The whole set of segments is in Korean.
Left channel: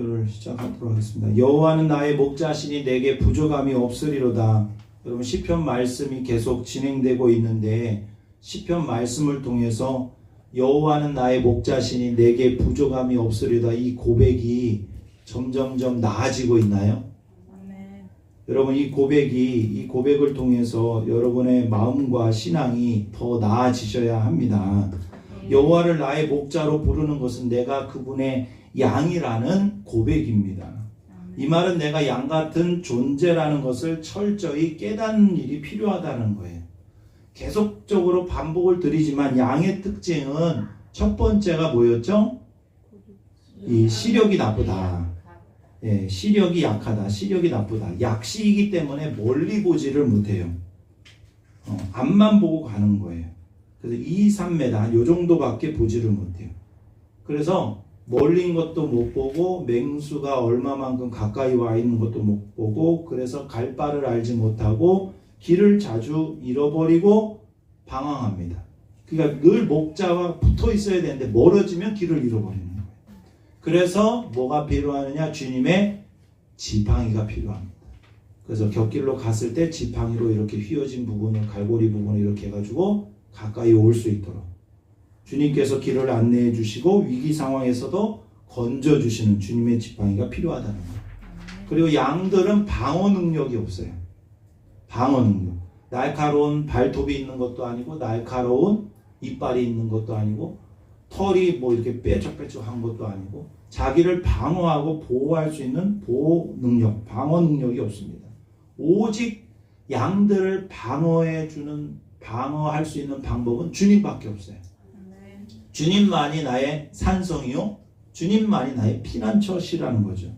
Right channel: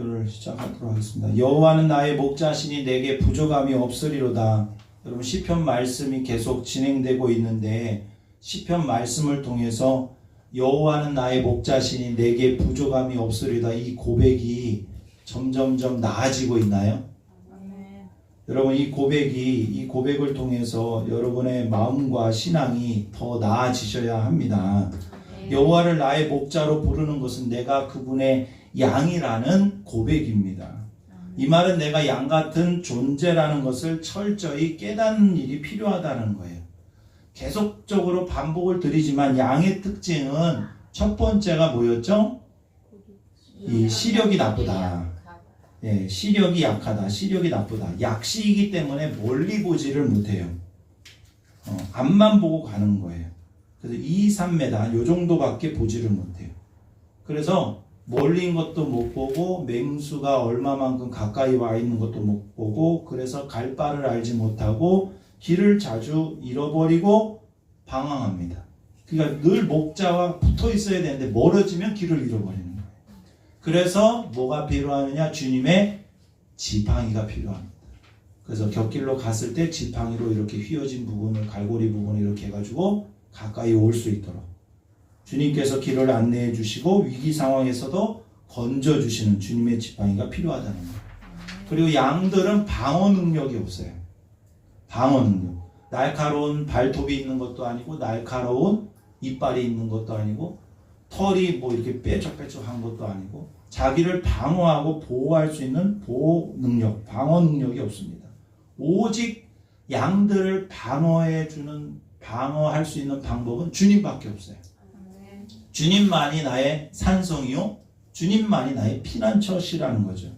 설교를 시작하도록 하겠습니다. 여호와는 나의 목자시니 내게 부족함이 없으리로다. 여러분 시편 말씀이 계속 진행되고 있는데 시편 말씀을 통해서 여호와는 나의 목자시니 내게 부족함이 없으리로다 이 고백이 점점점 나아지고 있나요? 네. 여러분 이 고백을 통해서 여러분의 마음과 신앙이 더 나아지셔야 합니다. 여호와를 나의 목자로 부르는 것은 내가 그분의 양이라는 고백입니다. 이 말은 내가 양 같은 존재라는 것을 철저히 깨닫는 일이 필요하다는 거예요. 계속적으로 반복을 드리지만 양의 특징은 첫 번째가 뭐였죠? 이 시력이 나쁘다. 예, 시력이 약하다. 시력이 나쁘다. 약시이기 때문에 멀리 보지를 못해요. 앞만 보고 가는 거예요. 그래서 2, 3m 요 정도밖에 보지를 못해요. 그래서 멀리인 것도 못 보고 맹수가 얼마만큼 가까이 와 있는 것도 못 보고 그래서 갈 바를 알지 못하고 길을 자주 잃어버리고 방황합니다. 그러니까 늘 목자와 붙어 있어야 되는데 멀어지면 길을 잃어버리는 거예요. 그래서 뭐가 필요하느냐? 주님의 지팡이가 필요합니다. 그래서 곁길로 갔을 때 지팡이로 이렇게 휘어진 부분을 갈고리 부분을 이렇게 해가지고 가까이 올 수 있도록 주님께서 길을 안내해 주시고 위기 상황에서도 건져 주시는 주님의 지팡이가 필요하다는 거예요. 그리고 양들은 방어 능력이 없어요. 방어 능력. 날카로운 발톱이 있는 것도 아니고 날카로운 이빨이 있는 것도 아니고 털이 뭐 이렇게 뾰족뾰족한 것도 아니고 자기를 방어하고 보호할 수 있는 보호 능력, 방어 능력이 없습니다. 오직 양들을 방어할 수 있는 방법은 주님밖에 없어요. 주님만이 나의 산성이요 주님만이 나의 피난처시라는 거죠.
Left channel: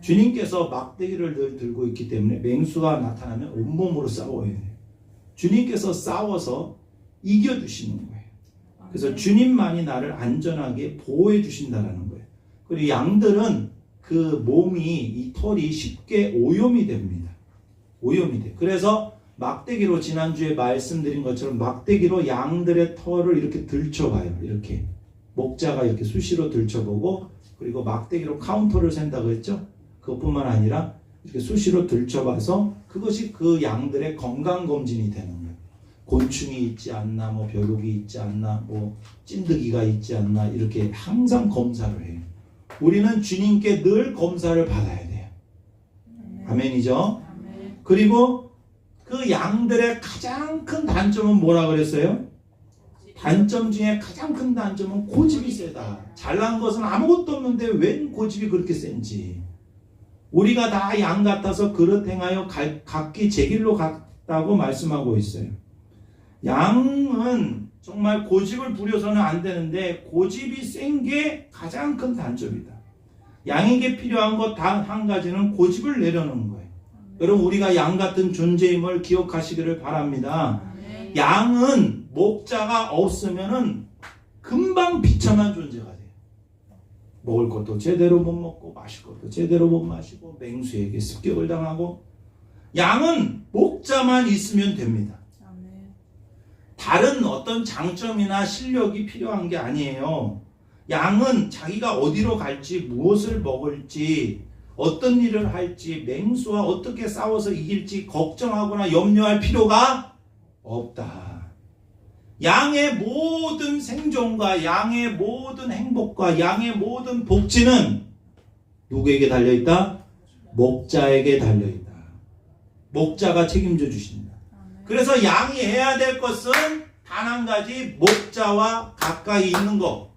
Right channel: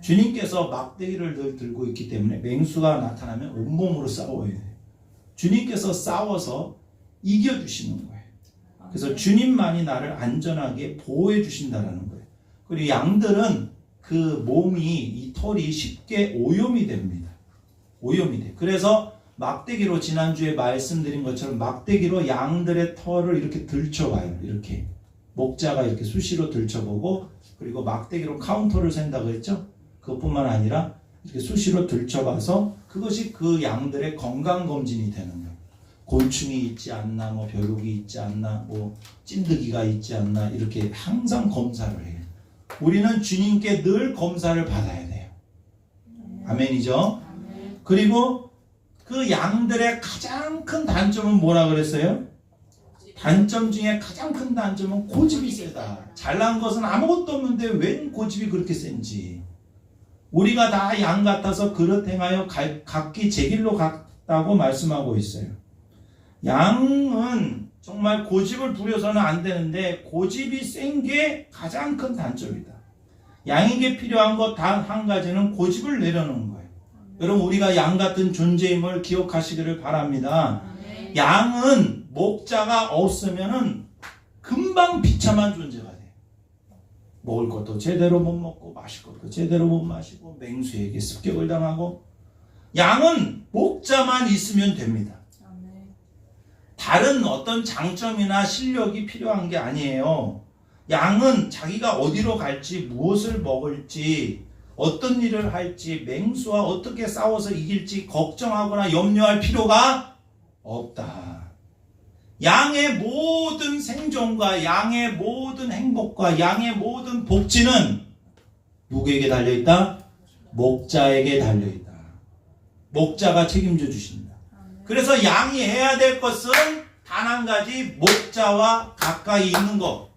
주님께서 막대기를 늘 들고 있기 때문에 맹수가 나타나면 온몸으로 싸워야 돼요. 주님께서 싸워서 이겨주시는 거예요. 그래서 주님만이 나를 안전하게 보호해 주신다는 거예요. 그리고 양들은 그 몸이 이 털이 쉽게 오염이 됩니다. 오염이 돼. 그래서 막대기로 지난주에 말씀드린 것처럼 막대기로 양들의 털을 이렇게 들춰봐요. 이렇게 목자가 이렇게 수시로 들춰보고 그리고 막대기로 카운터를 센다고 했죠. 그것뿐만 아니라 이렇게 수시로 들춰봐서 그것이 그 양들의 건강검진이 되는 거예요. 곤충이 있지 않나, 뭐 벼룩이 있지 않나, 뭐 찐득이가 있지 않나 이렇게 항상 검사를 해요. 우리는 주님께 늘 검사를 받아야 돼요. 아멘이죠? 그리고 그 양들의 가장 큰 단점은 뭐라 그랬어요? 단점 중에 가장 큰 단점은 고집이 세다. 잘난 것은 아무것도 없는데 웬 고집이 그렇게 센지. 우리가 다 양 같아서 그릇 행하여 각기 제 길로 갔다고 말씀하고 있어요. 양은 정말 고집을 부려서는 안 되는데 고집이 센 게 가장 큰 단점이다. 양에게 필요한 것 단 한 가지는 고집을 내려놓는 거예요. 여러분 우리가 양 같은 존재임을 기억하시기를 바랍니다. 양은 목자가 없으면은 금방 비참한 존재가 돼요. 먹을 것도 제대로 못 먹고 마실 것도 제대로 못 마시고 맹수에게 습격을 당하고 양은 목자만 있으면 됩니다. 다른 어떤 장점이나 실력이 필요한 게 아니에요. 양은 자기가 어디로 갈지 무엇을 먹을지 어떤 일을 할지 맹수와 어떻게 싸워서 이길지 걱정하거나 염려할 필요가 없다. 양의 모든 생존과 양의 모든 행복과 양의 모든 복지는 누구에게 달려있다? 목자에게 달려있다. 목자가 책임져 주신다. 그래서 양이 해야 될 것은 단 한 가지 목자와 가까이 있는 것.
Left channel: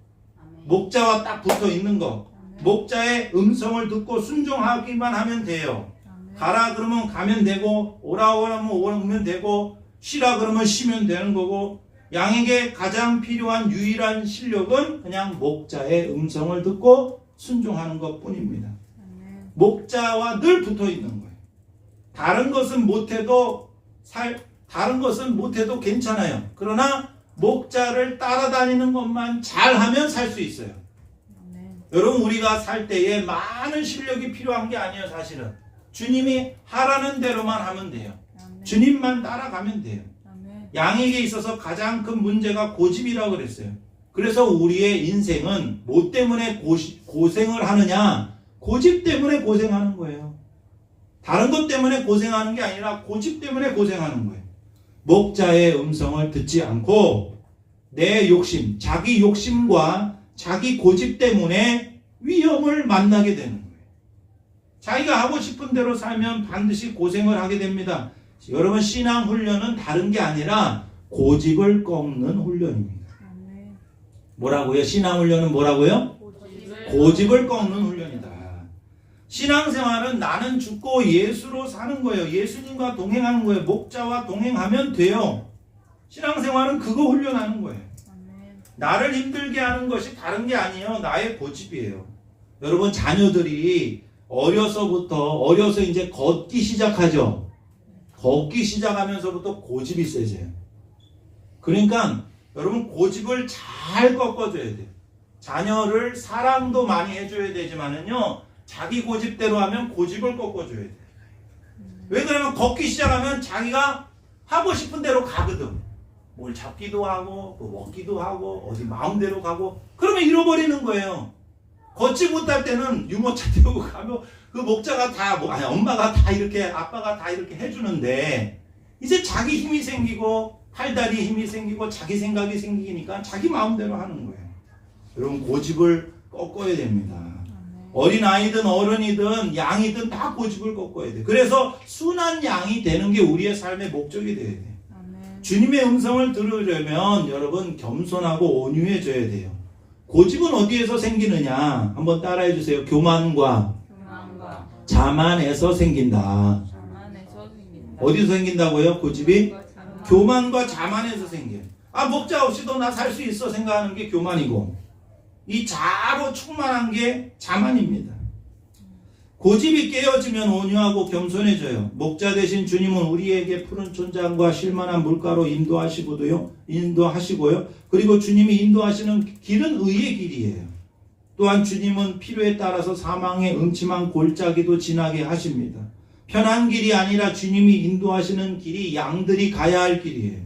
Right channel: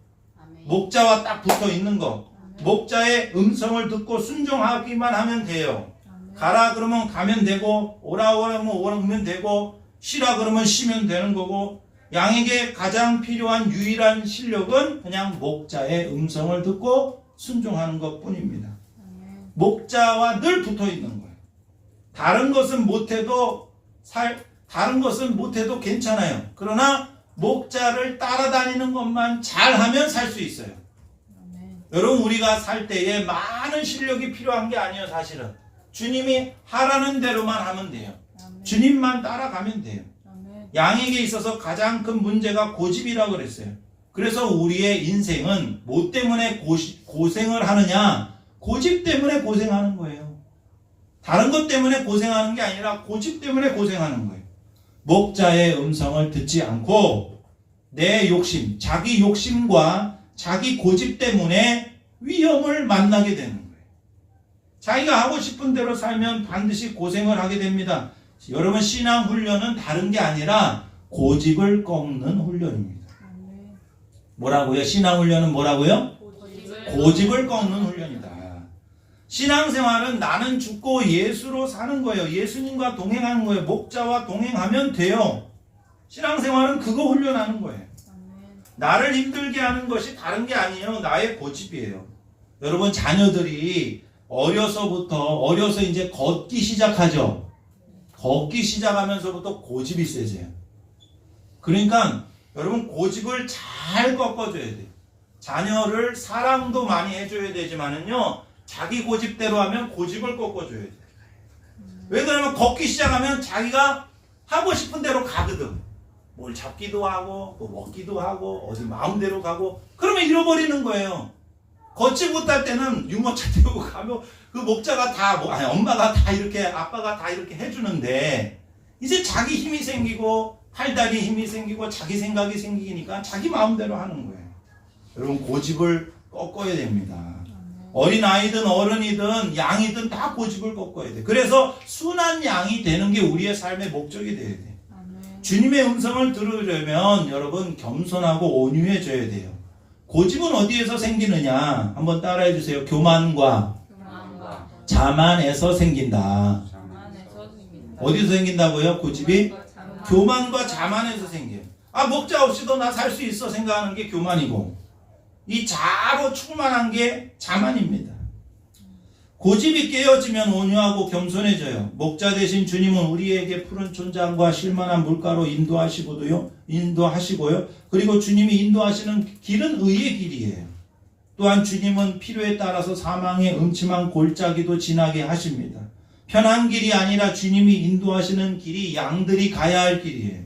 목자와 딱 붙어 있는 것. 목자의 음성을 듣고 순종하기만 하면 돼요. 가라 그러면 가면 되고 오라 그러면 오면 되고 쉬라 그러면 쉬면 되는 거고 양에게 가장 필요한 유일한 실력은 그냥 목자의 음성을 듣고 순종하는 것뿐입니다. 목자와 늘 붙어 있는 거예요. 다른 것은 못해도 괜찮아요. 그러나 목자를 따라다니는 것만 잘하면 살 수 있어요. 여러분 우리가 살 때에 많은 실력이 필요한 게 아니에요. 사실은 주님이 하라는 대로만 하면 돼요. 주님만 따라가면 돼요. 양에게 있어서 가장 큰 문제가 고집이라고 그랬어요. 그래서 우리의 인생은 뭐 때문에 고생을 하느냐? 고집 때문에 고생하는 거예요. 다른 것 때문에 고생하는 게 아니라 고집 때문에 고생하는 거예요. 목자의 음성을 듣지 않고 내 욕심, 자기 욕심과 자기 고집 때문에 위험을 만나게 되는 거예요. 자기가 하고 싶은 대로 살면 반드시 고생을 하게 됩니다. 여러분, 신앙 훈련은 다른 게 아니라 고집을 꺾는 훈련입니다. 뭐라고요? 신앙 훈련은 뭐라고요? 고집을 꺾는 훈련이다. 신앙생활은 나는 죽고 예수로 사는 거예요. 예수님과 동행하는 거예요. 목자와 동행하면 돼요. 신앙생활은 그거 훈련하는 거예요. 나를 힘들게 하는 것이 다른 게 아니에요. 나의 고집이에요. 여러분, 자녀들이 어려서 이제 걷기 시작하죠. 걷기 시작하면서부터 고집이 세져요. 그러니까 여러분, 고집을 잘 꺾어줘야 돼요. 자녀를 사랑도 많이 해줘야 되지만은요, 자기 고집대로 하면 고집을 꺾어줘야 돼요. 왜 그러면 걷기 시작하면 자기가 하고 싶은 대로 가거든. 뭘 잡기도 하고 또 먹기도 하고 어디 마음대로 가고, 그러면 잃어버리는 거예요. 걷지 못할 때는 유모차 태우고 가면 그 목자가 다 엄마가 다 이렇게, 아빠가 다 이렇게 해주는데, 이제 자기 힘이 생기고 팔다리 힘이 생기고 자기 생각이 생기니까 자기 마음대로 하는 거예요. 여러분, 고집을 꺾어야 됩니다. 어린아이든 어른이든 양이든 다 고집을 꺾어야 돼. 그래서 순한 양이 되는 게 우리의 삶의 목적이 돼야 돼. 주님의 음성을 들으려면 여러분, 겸손하고 온유해져야 돼요. 고집은 어디에서 생기느냐? 한번 따라해 주세요. 교만과 자만에서 생긴다. 어디서 생긴다고요? 고집이? 교만과 자만에서 생겨요. 목자 없이도 나 살 수 있어 생각하는 게 교만이고, 이 자아로 충만한 게 자만입니다. 고집이 깨어지면 온유하고 겸손해져요. 목자 되신 주님은 우리에게 푸른 촌장과 실만한 물가로 인도하시고요. 그리고 주님이 인도하시는 길은 의의 길이에요. 또한 주님은 필요에 따라서 사망의 음침한 골짜기도 지나게 하십니다. 편한 길이 아니라 주님이 인도하시는 길이 양들이 가야 할 길이에요.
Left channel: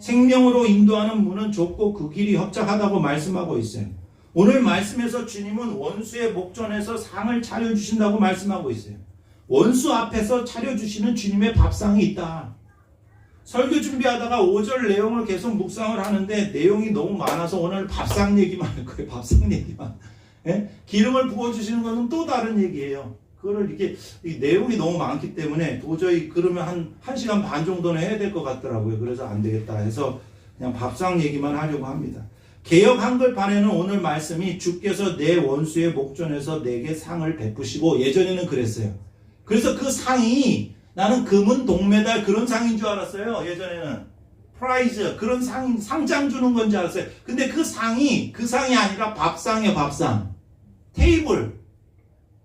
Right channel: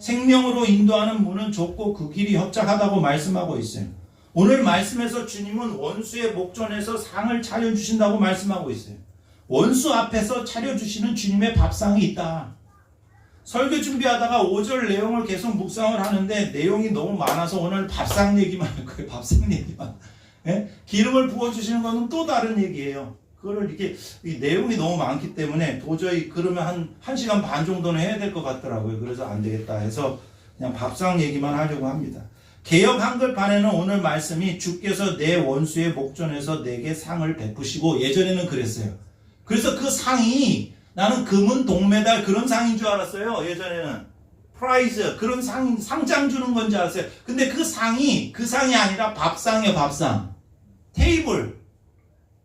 생명으로 인도하는 문은 좁고 그 길이 협착하다고 말씀하고 있어요. 오늘 말씀에서 주님은 원수의 목전에서 상을 차려주신다고 말씀하고 있어요. 원수 앞에서 차려주시는 주님의 밥상이 있다. 설교 준비하다가 5절 내용을 계속 묵상을 하는데 내용이 너무 많아서 오늘 밥상 얘기만 할 거예요. 밥상 얘기만. 예? 기름을 부어주시는 것은 또 다른 얘기예요. 그거를 이렇게 내용이 너무 많기 때문에 도저히 그러면 한 시간 반 정도는 해야 될 것 같더라고요. 그래서 안 되겠다 해서 그냥 밥상 얘기만 하려고 합니다. 개역 한글판에는 오늘 말씀이 주께서 내 원수의 목전에서 내게 상을 베푸시고, 예전에는 그랬어요. 그래서 그 상이 나는 금은 동메달 그런 상인 줄 알았어요. 예전에는 프라이즈 그런 상장 주는 건 줄 알았어요. 근데 그 상이 아니라 밥상이에요. 밥상, 테이블,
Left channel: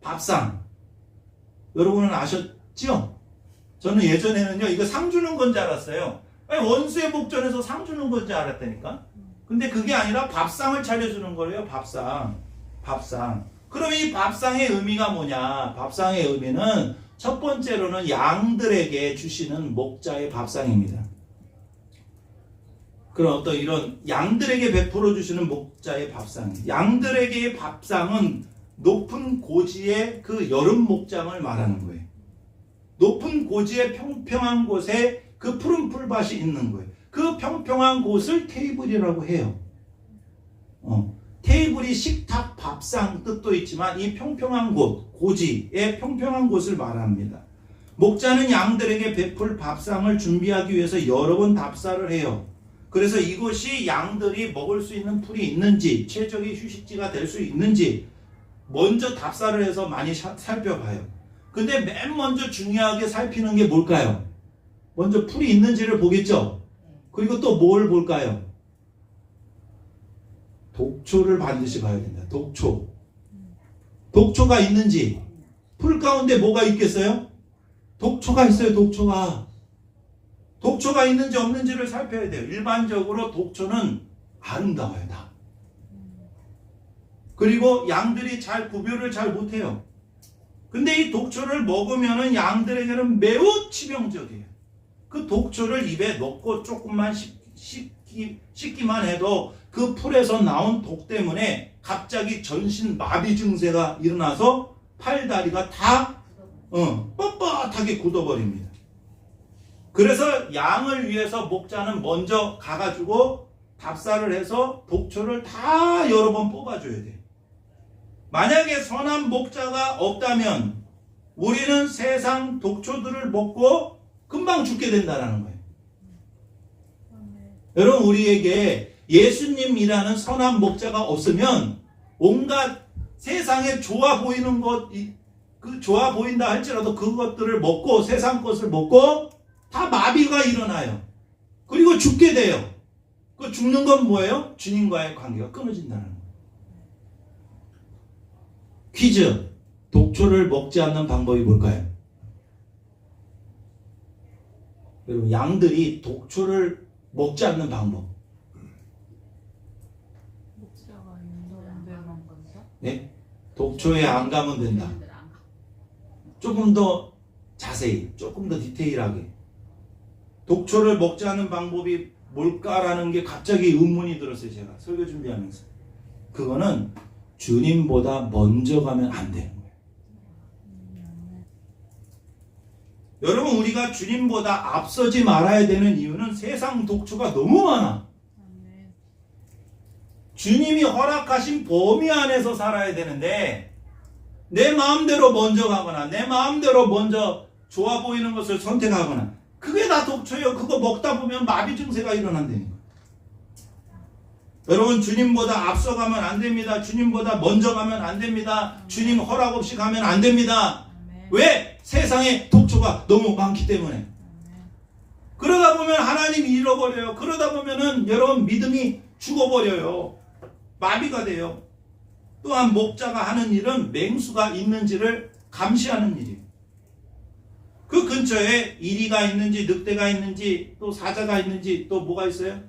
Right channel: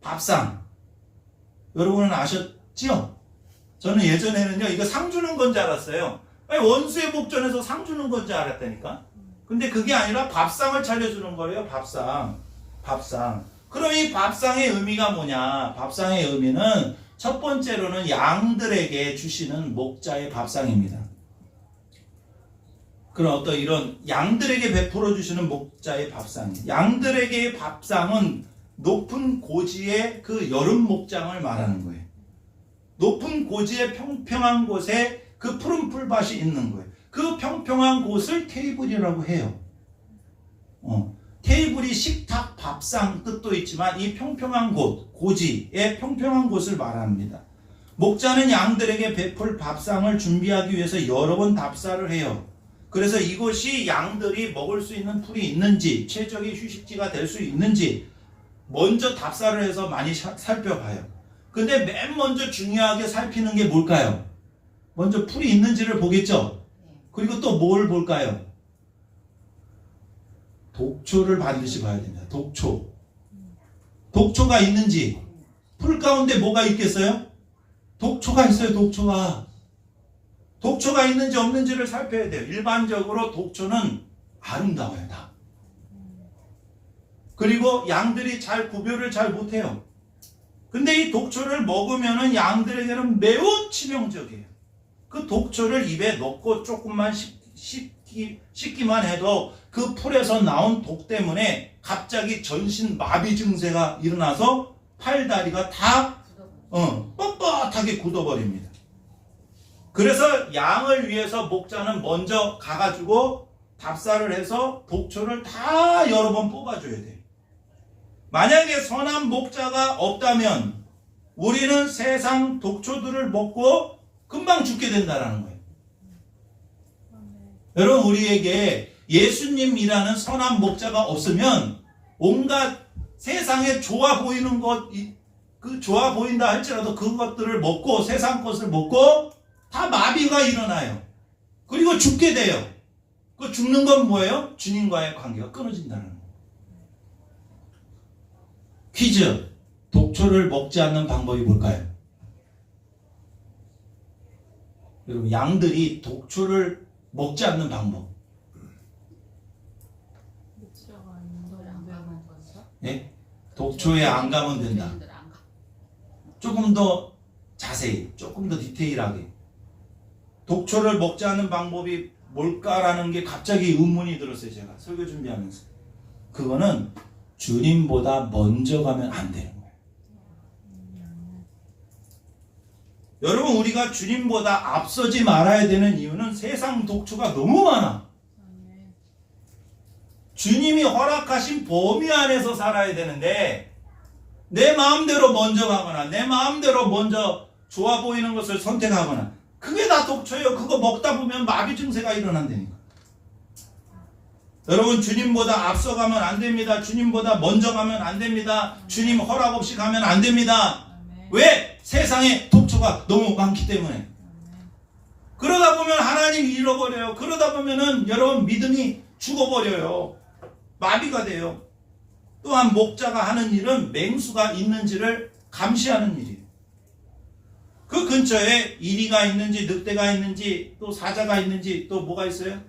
밥상. 여러분은 아셨죠? 저는 예전에는요 이거 상 주는 건 줄 알았어요. 원수의 목전에서 상 주는 건 줄 알았다니까. 근데 그게 아니라 밥상을 차려주는 거예요. 밥상. 그럼 이 밥상의 의미가 뭐냐? 밥상의 의미는 첫 번째로는 양들에게 주시는 목자의 밥상입니다. 그런 어떤 이런 양들에게 베풀어 주시는 목자의 밥상. 양들에게의 밥상은 높은 고지의 그 여름 목장을 말하는 거예요. 높은 고지의 평평한 곳에 그 푸른 풀밭이 있는 거예요. 그 평평한 곳을 테이블이라고 해요. 테이블이 식탁, 밥상 뜻도 있지만 이 평평한 곳, 고지의 평평한 곳을 말합니다. 목자는 양들에게 베풀 밥상을 준비하기 위해서 여러 번 답사를 해요. 그래서 이곳이 양들이 먹을 수 있는 풀이 있는지, 최적의 휴식지가 될 수 있는지 먼저 답사를 해서 많이 살펴봐요. 근데 맨 먼저 중요하게 살피는 게 뭘까요? 먼저 풀이 있는지를 보겠죠? 그리고 또 뭘 볼까요? 독초를 반드시 봐야 됩니다. 독초가 있는지. 풀 가운데 뭐가 있겠어요? 독초가 있어요. 독초가 있는지 없는지를 살펴야 돼요. 일반적으로 독초는 아름다워요. 다. 그리고 양들이 구별을 잘 못해요. 근데 이 독초를 먹으면 양들에게는 매우 치명적이에요. 그 독초를 입에 넣고 조금만 씻기만 해도 그 풀에서 나온 독 때문에 갑자기 전신 마비 증세가 일어나서 팔다리가 다 뻣뻣하게 굳어버립니다. 그래서 양을 위해서 목자는 먼저 가가지고 답사를 해서 독초를 다 여러 번 뽑아줘야 돼. 만약에 선한 목자가 없다면 우리는 세상 독초들을 먹고 금방 죽게 된다는 거예요. 여러분, 우리에게 예수님이라는 선한 목자가 없으면 온갖 세상에 좋아 보이는 것, 그 좋아 보인다 할지라도 그것들을 먹고 세상 것을 먹고 다 마비가 일어나요. 그리고 죽게 돼요. 그 죽는 건 뭐예요? 주님과의 관계가 끊어진다는 거예요. 퀴즈. 독초를 먹지 않는 방법이 뭘까요? 여러분, 양들이 독초를 먹지 않는 방법. 네? 독초에 안 가면 된다. 조금 더 자세히, 조금 더 디테일하게. 독초를 먹지 않는 방법이 뭘까라는 게 갑자기 의문이 들었어요. 제가 설교 준비하면서. 그거는 주님보다 먼저 가면 안 되는 거예요. 여러분, 우리가 주님보다 앞서지 말아야 되는 이유는 세상 독초가 너무 많아. 주님이 허락하신 범위 안에서 살아야 되는데 내 마음대로 먼저 가거나 내 마음대로 먼저 좋아 보이는 것을 선택하거나, 그게 다 독초예요. 그거 먹다 보면 마비 증세가 일어난다니까. 여러분, 주님보다 앞서가면 안 됩니다. 주님보다 먼저 가면 안 됩니다. 주님 허락 없이 가면 안 됩니다. 왜? 세상에 독초가 너무 많기 때문에. 그러다 보면 하나님 잃어버려요. 그러다 보면은 여러분 믿음이 죽어버려요. 마비가 돼요. 또한 목자가 하는 일은 맹수가 있는지를 감시하는 일이에요. 그 근처에 이리가 있는지 늑대가 있는지 또 사자가 있는지 또 뭐가 있어요?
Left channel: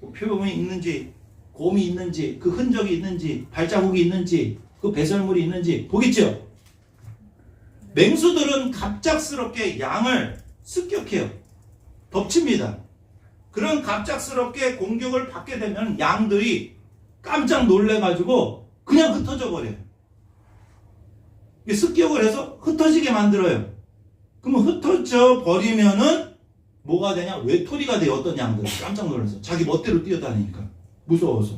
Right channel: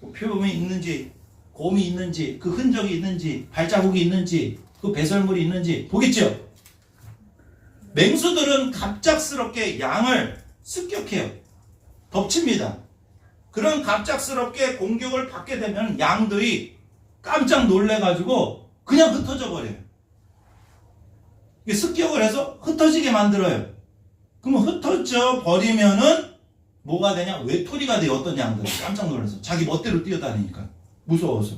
표범이 있는지 곰이 있는지 그 흔적이 있는지 발자국이 있는지 그 배설물이 있는지 보겠죠? 맹수들은 갑작스럽게 양을 습격해요. 덮칩니다. 그런 갑작스럽게 공격을 받게 되면 양들이 깜짝 놀래가지고 그냥 흩어져 버려요. 습격을 해서 흩어지게 만들어요. 그러면 흩어져 버리면은 뭐가 되냐? 외톨이가 돼요. 어떤 양들이 깜짝 놀라서 자기 멋대로 뛰어다니니까 무서워서.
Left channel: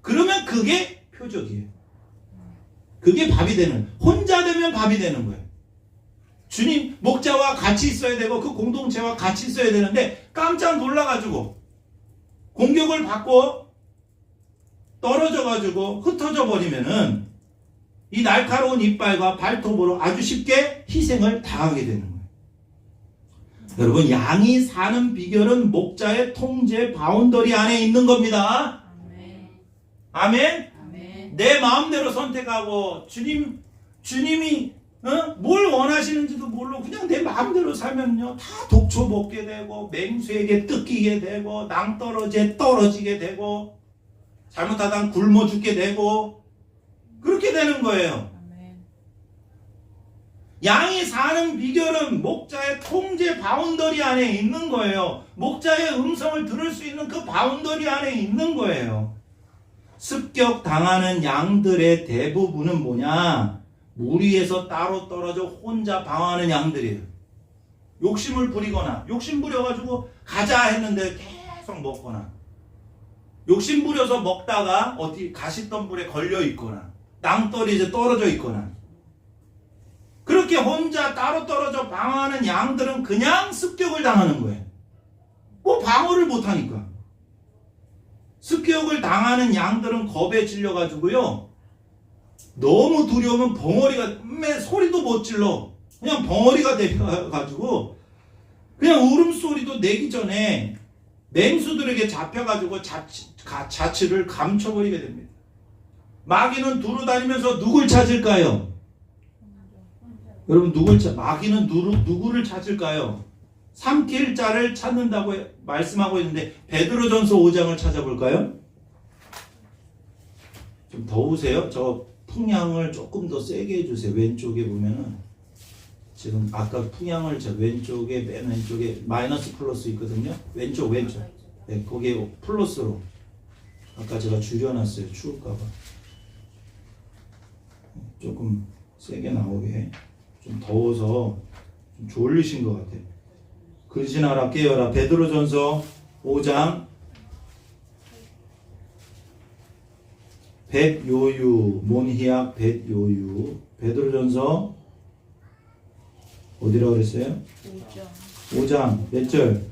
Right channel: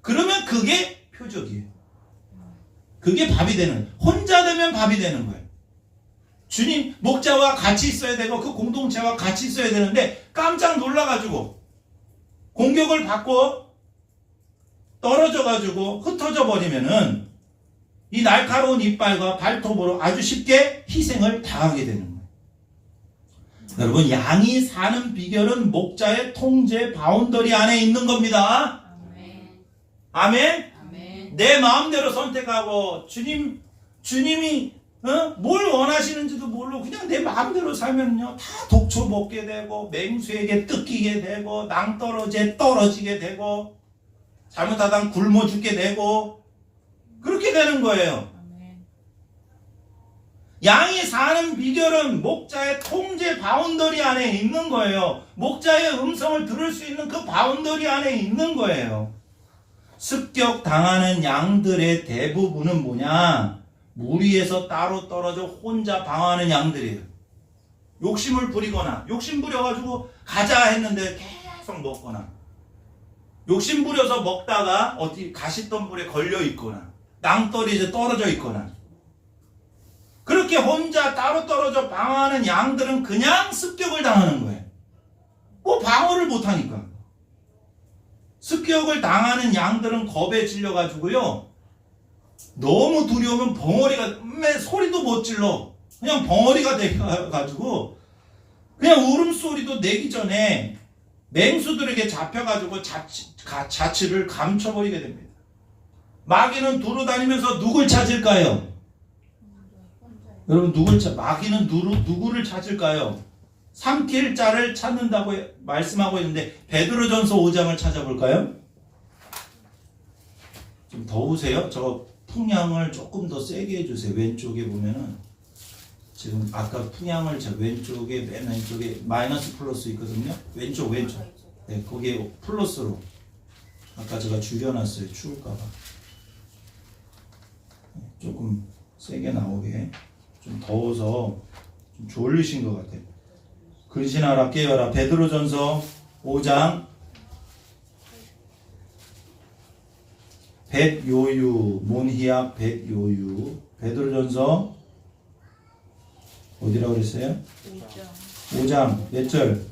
그러면 그게 표적이에요. 그게 밥이 되는, 혼자 되면 밥이 되는 거예요. 주님 목자와 같이 있어야 되고 그 공동체와 같이 있어야 되는데 깜짝 놀라가지고 공격을 받고 떨어져가지고 흩어져 버리면은 이 날카로운 이빨과 발톱으로 아주 쉽게 희생을 당하게 되는 거예요. 여러분, 양이 사는 비결은 목자의 통제 바운더리 안에 있는 겁니다. 아멘. 아멘. 내 마음대로 선택하고 주님이 뭘 원하시는지도 모르고 그냥 내 마음대로 살면요 다 독초 먹게 되고 맹수에게 뜯기게 되고 낭떠러지에 떨어지게 되고 잘못하다 굶어 죽게 되고 그렇게 되는 거예요. 양이 사는 비결은 목자의 통제 바운더리 안에 있는 거예요. 목자의 음성을 들을 수 있는 그 바운더리 안에 있는 거예요. 습격당하는 양들의 대부분은 뭐냐? 무리에서 따로 떨어져 혼자 방황하는 양들이에요. 욕심을 부리거나 욕심 부려가지고 가자 했는데 계속 먹거나 욕심 부려서 먹다가 어디 가시덤불에 걸려 있거나 낭떠러지에 떨어져 있거나 그렇게 혼자 따로 떨어져 방황하는 양들은 그냥 습격을 당하는 거예요. 뭐 방어를 못하니까. 습격을 당하는 양들은 겁에 질려가지고요 너무 두려우면 벙어리가 소리도 못 질러. 그냥 벙어리가 돼가지고 그냥 울음소리도 내기 전에 맹수들에게 잡혀가지고 자취를 감춰버리게 됩니다. 마귀는 두루다니면서 누굴 찾을까요? 여러분, 마귀는 누구를 찾을까요? 삼킬 자를 찾는다고 말씀하고 있는데 베드로전서 5장을 찾아볼까요? 좀 더우세요? 저 풍향을 조금 더 세게 해주세요. 왼쪽에 보면은 지금 아까 풍향을 저 왼쪽에 맨 왼쪽에 마이너스 플러스 있거든요. 왼쪽 네, 거기에 플러스로 아까 제가 줄여놨어요. 추울까봐 조금 세게 나오게. 좀 더워서 좀 졸리신 것 같아요. 근신하라 깨어라. 베드로전서 5장 벳요유 몬히약 벳요유. 베드로전서 어디라고 그랬어요? 5장 몇 절?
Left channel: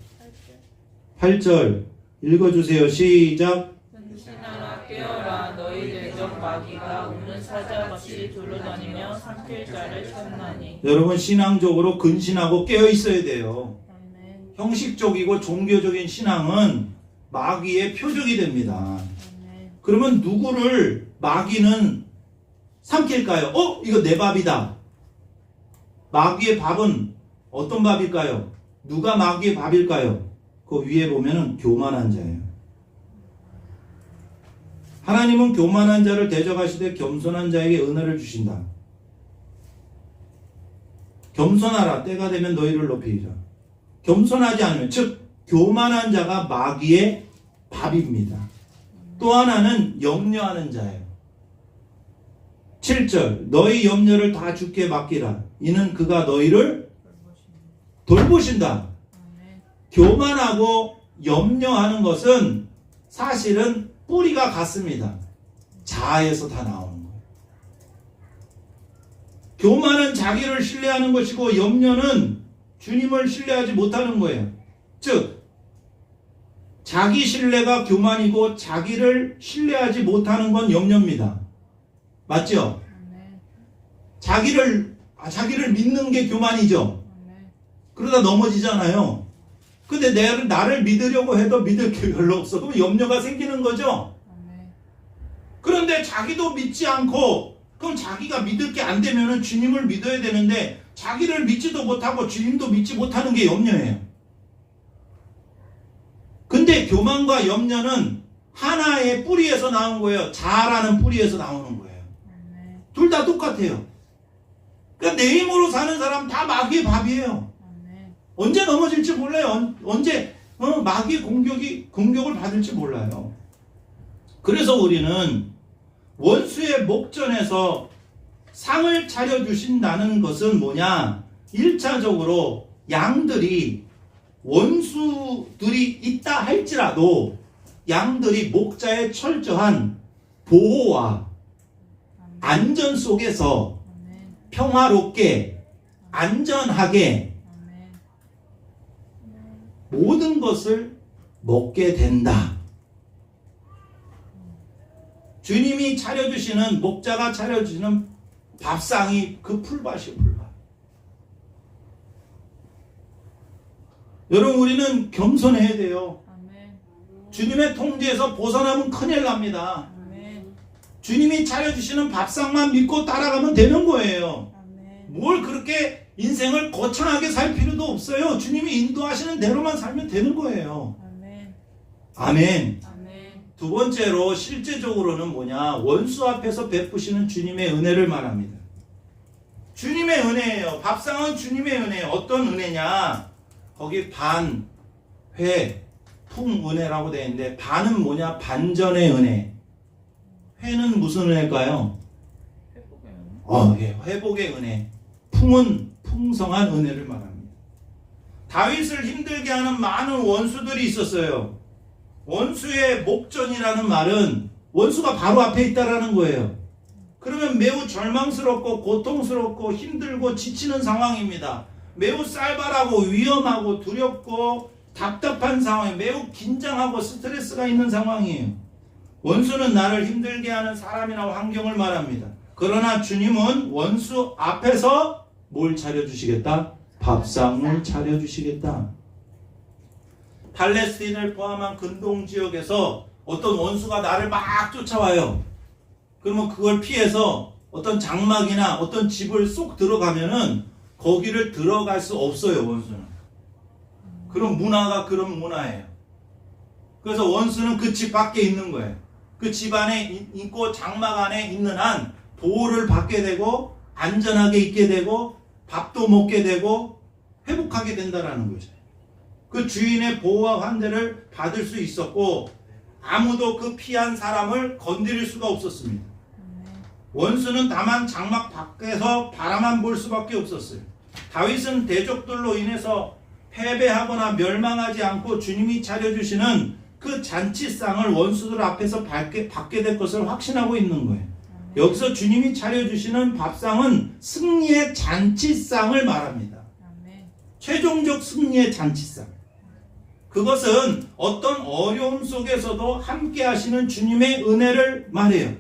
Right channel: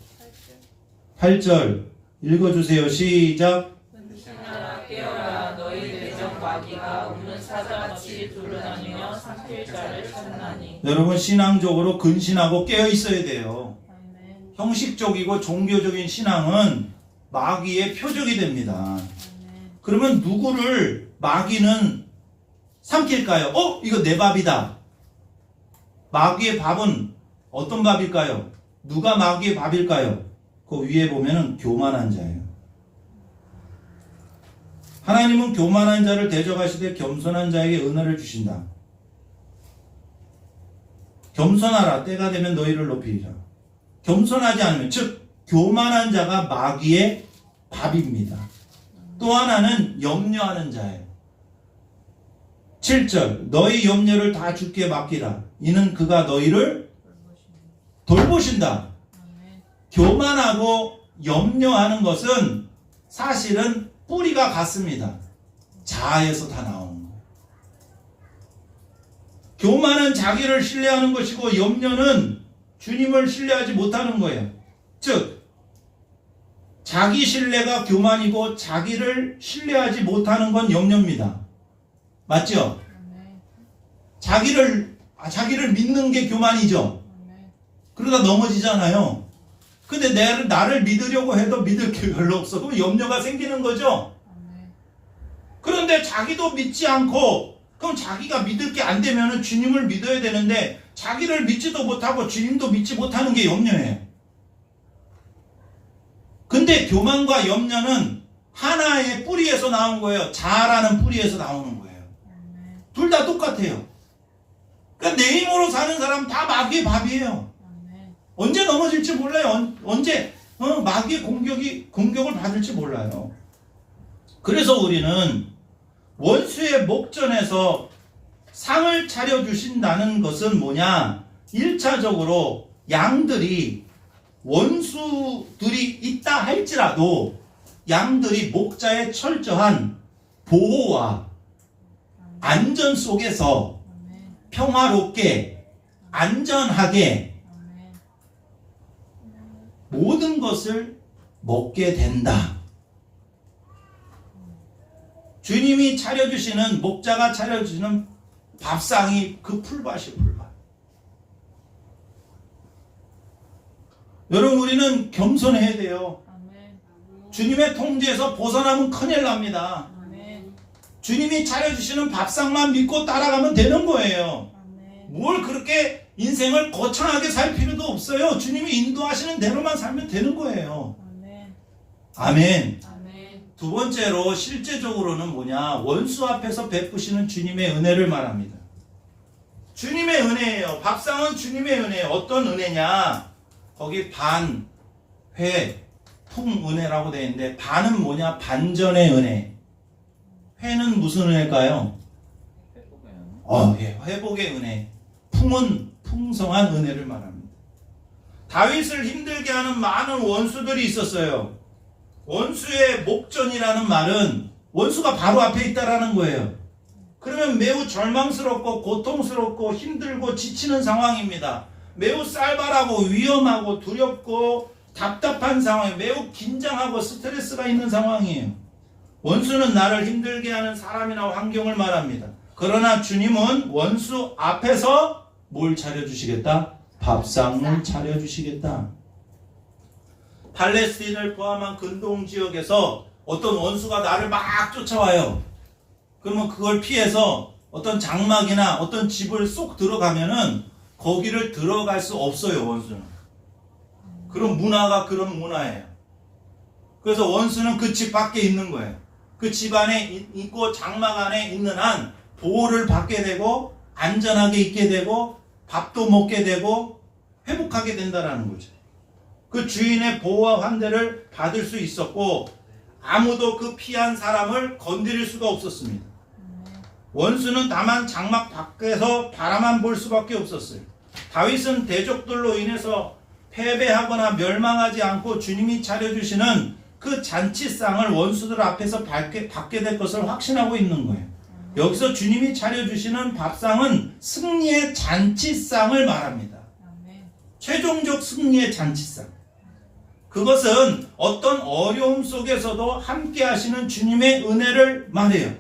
8절 읽어주세요. 시작. 근신하라 깨어라. 너희 내적 마귀가 우는 사자같이 두루다니며 삼킬 자를 찾나니. 여러분 신앙적으로 근신하고 깨어 있어야 돼요. 아멘. 형식적이고 종교적인 신앙은 마귀의 표적이 됩니다. 아멘. 그러면 누구를 마귀는 삼킬까요? 이거 내 밥이다. 마귀의 밥은 어떤 밥일까요? 누가 마귀의 밥일까요? 그 위에 보면은 교만한 자예요. 하나님은 교만한 자를 대적하시되 겸손한 자에게 은혜를 주신다. 겸손하라. 때가 되면 너희를 높이리라. 겸손하지 않으면, 즉 교만한 자가 마귀의 밥입니다. 또 하나는 염려하는 자예요. 7절 너희 염려를 다 주께 맡기라. 이는 그가 너희를 돌보신다. 교만하고 염려하는 것은 사실은 뿌리가 같습니다. 자아에서 다 나오는 거예요. 교만은 자기를 신뢰하는 것이고 염려는 주님을 신뢰하지 못하는 거예요. 즉 자기 신뢰가 교만이고 자기를 신뢰하지 못하는 건 염려입니다. 맞죠? 자기를 믿는 게 교만이죠. 그러다 넘어지잖아요. 근데 나를 믿으려고 해도 믿을 게 별로 없어. 그럼 염려가 생기는 거죠. 그런데 자기도 믿지 않고, 그럼 자기가 믿을 게 안 되면 주님을 믿어야 되는데 자기를 믿지도 못하고 주님도 믿지 못하는 게 염려예요. 근데 교만과 염려는 하나의 뿌리에서 나온 거예요. 자아라는 뿌리에서 나오는 거예요. 둘 다 똑같아요. 그러니까 내 힘으로 사는 사람 다 마귀의 밥이에요. 언제 넘어질지 몰라요. 언제 마귀의 공격을 받을지 몰라요. 그래서 우리는 원수의 목전에서 상을 차려주신다는 것은 뭐냐? 1차적으로 양들이 원수들이 있다 할지라도 양들이 목자의 철저한 보호와 안전 속에서 평화롭게 안전하게 모든 것을 먹게 된다. 주님이 차려주시는, 목자가 차려주시는 밥상이 그 풀밭이 풀밭. 여러분 우리는 겸손해야 돼요. 주님의 통제에서 벗어나면 큰일 납니다. 주님이 차려주시는 밥상만 믿고 따라가면 되는 거예요. 뭘 그렇게 인생을 거창하게 살 필요도 없어요. 주님이 인도하시는 대로만 살면 되는 거예요. 아멘. 두 번째로 실제적으로는 뭐냐? 원수 앞에서 베푸시는 주님의 은혜를 말합니다. 주님의 은혜예요. 밥상은 주님의 은혜예요. 어떤 은혜냐? 거기 반, 회, 풍 은혜라고 되어 있는데 반은 뭐냐? 반전의 은혜. 회는 무슨 은혜일까요? 회복의 은혜. 풍은 풍성한 은혜를 말합니다. 다윗을 힘들게 하는 많은 원수들이 있었어요. 원수의 목전이라는 말은 원수가 바로 앞에 있다라는 거예요. 그러면 매우 절망스럽고 고통스럽고 힘들고 지치는 상황입니다. 매우 쌀발하고 위험하고 두렵고 답답한 상황에 매우 긴장하고 스트레스가 있는 상황이에요. 원수는 나를 힘들게 하는 사람이나 환경을 말합니다. 그러나 주님은 원수 앞에서 뭘 차려주시겠다? 밥상을 차려주시겠다. 팔레스틴을 포함한 근동 지역에서 어떤 원수가 나를 막 쫓아와요. 그러면 그걸 피해서 어떤 장막이나 어떤 집을 쏙 들어가면은 거기를 들어갈 수 없어요, 원수는. 그런 문화가 그런 문화예요. 그래서 원수는 그 집 밖에 있는 거예요. 그 집 안에 있고 장막 안에 있는 한 보호를 받게 되고 안전하게 있게 되고 밥도 먹게 되고 회복하게 된다는 거죠. 그 주인의 보호와 환대를 받을 수 있었고 아무도 그 피한 사람을 건드릴 수가 없었습니다. 원수는 다만 장막 밖에서 바라만 볼 수밖에 없었어요. 다윗은 대적들로 인해서 패배하거나 멸망하지 않고 주님이 차려주시는 그 잔치상을 원수들 앞에서 받게 될 것을 확신하고 있는 거예요. 여기서 주님이 차려주시는 밥상은 승리의 잔치상을 말합니다. 최종적 승리의 잔치상. 그것은 어떤 어려움 속에서도 함께 하시는 주님의 은혜를 말해요.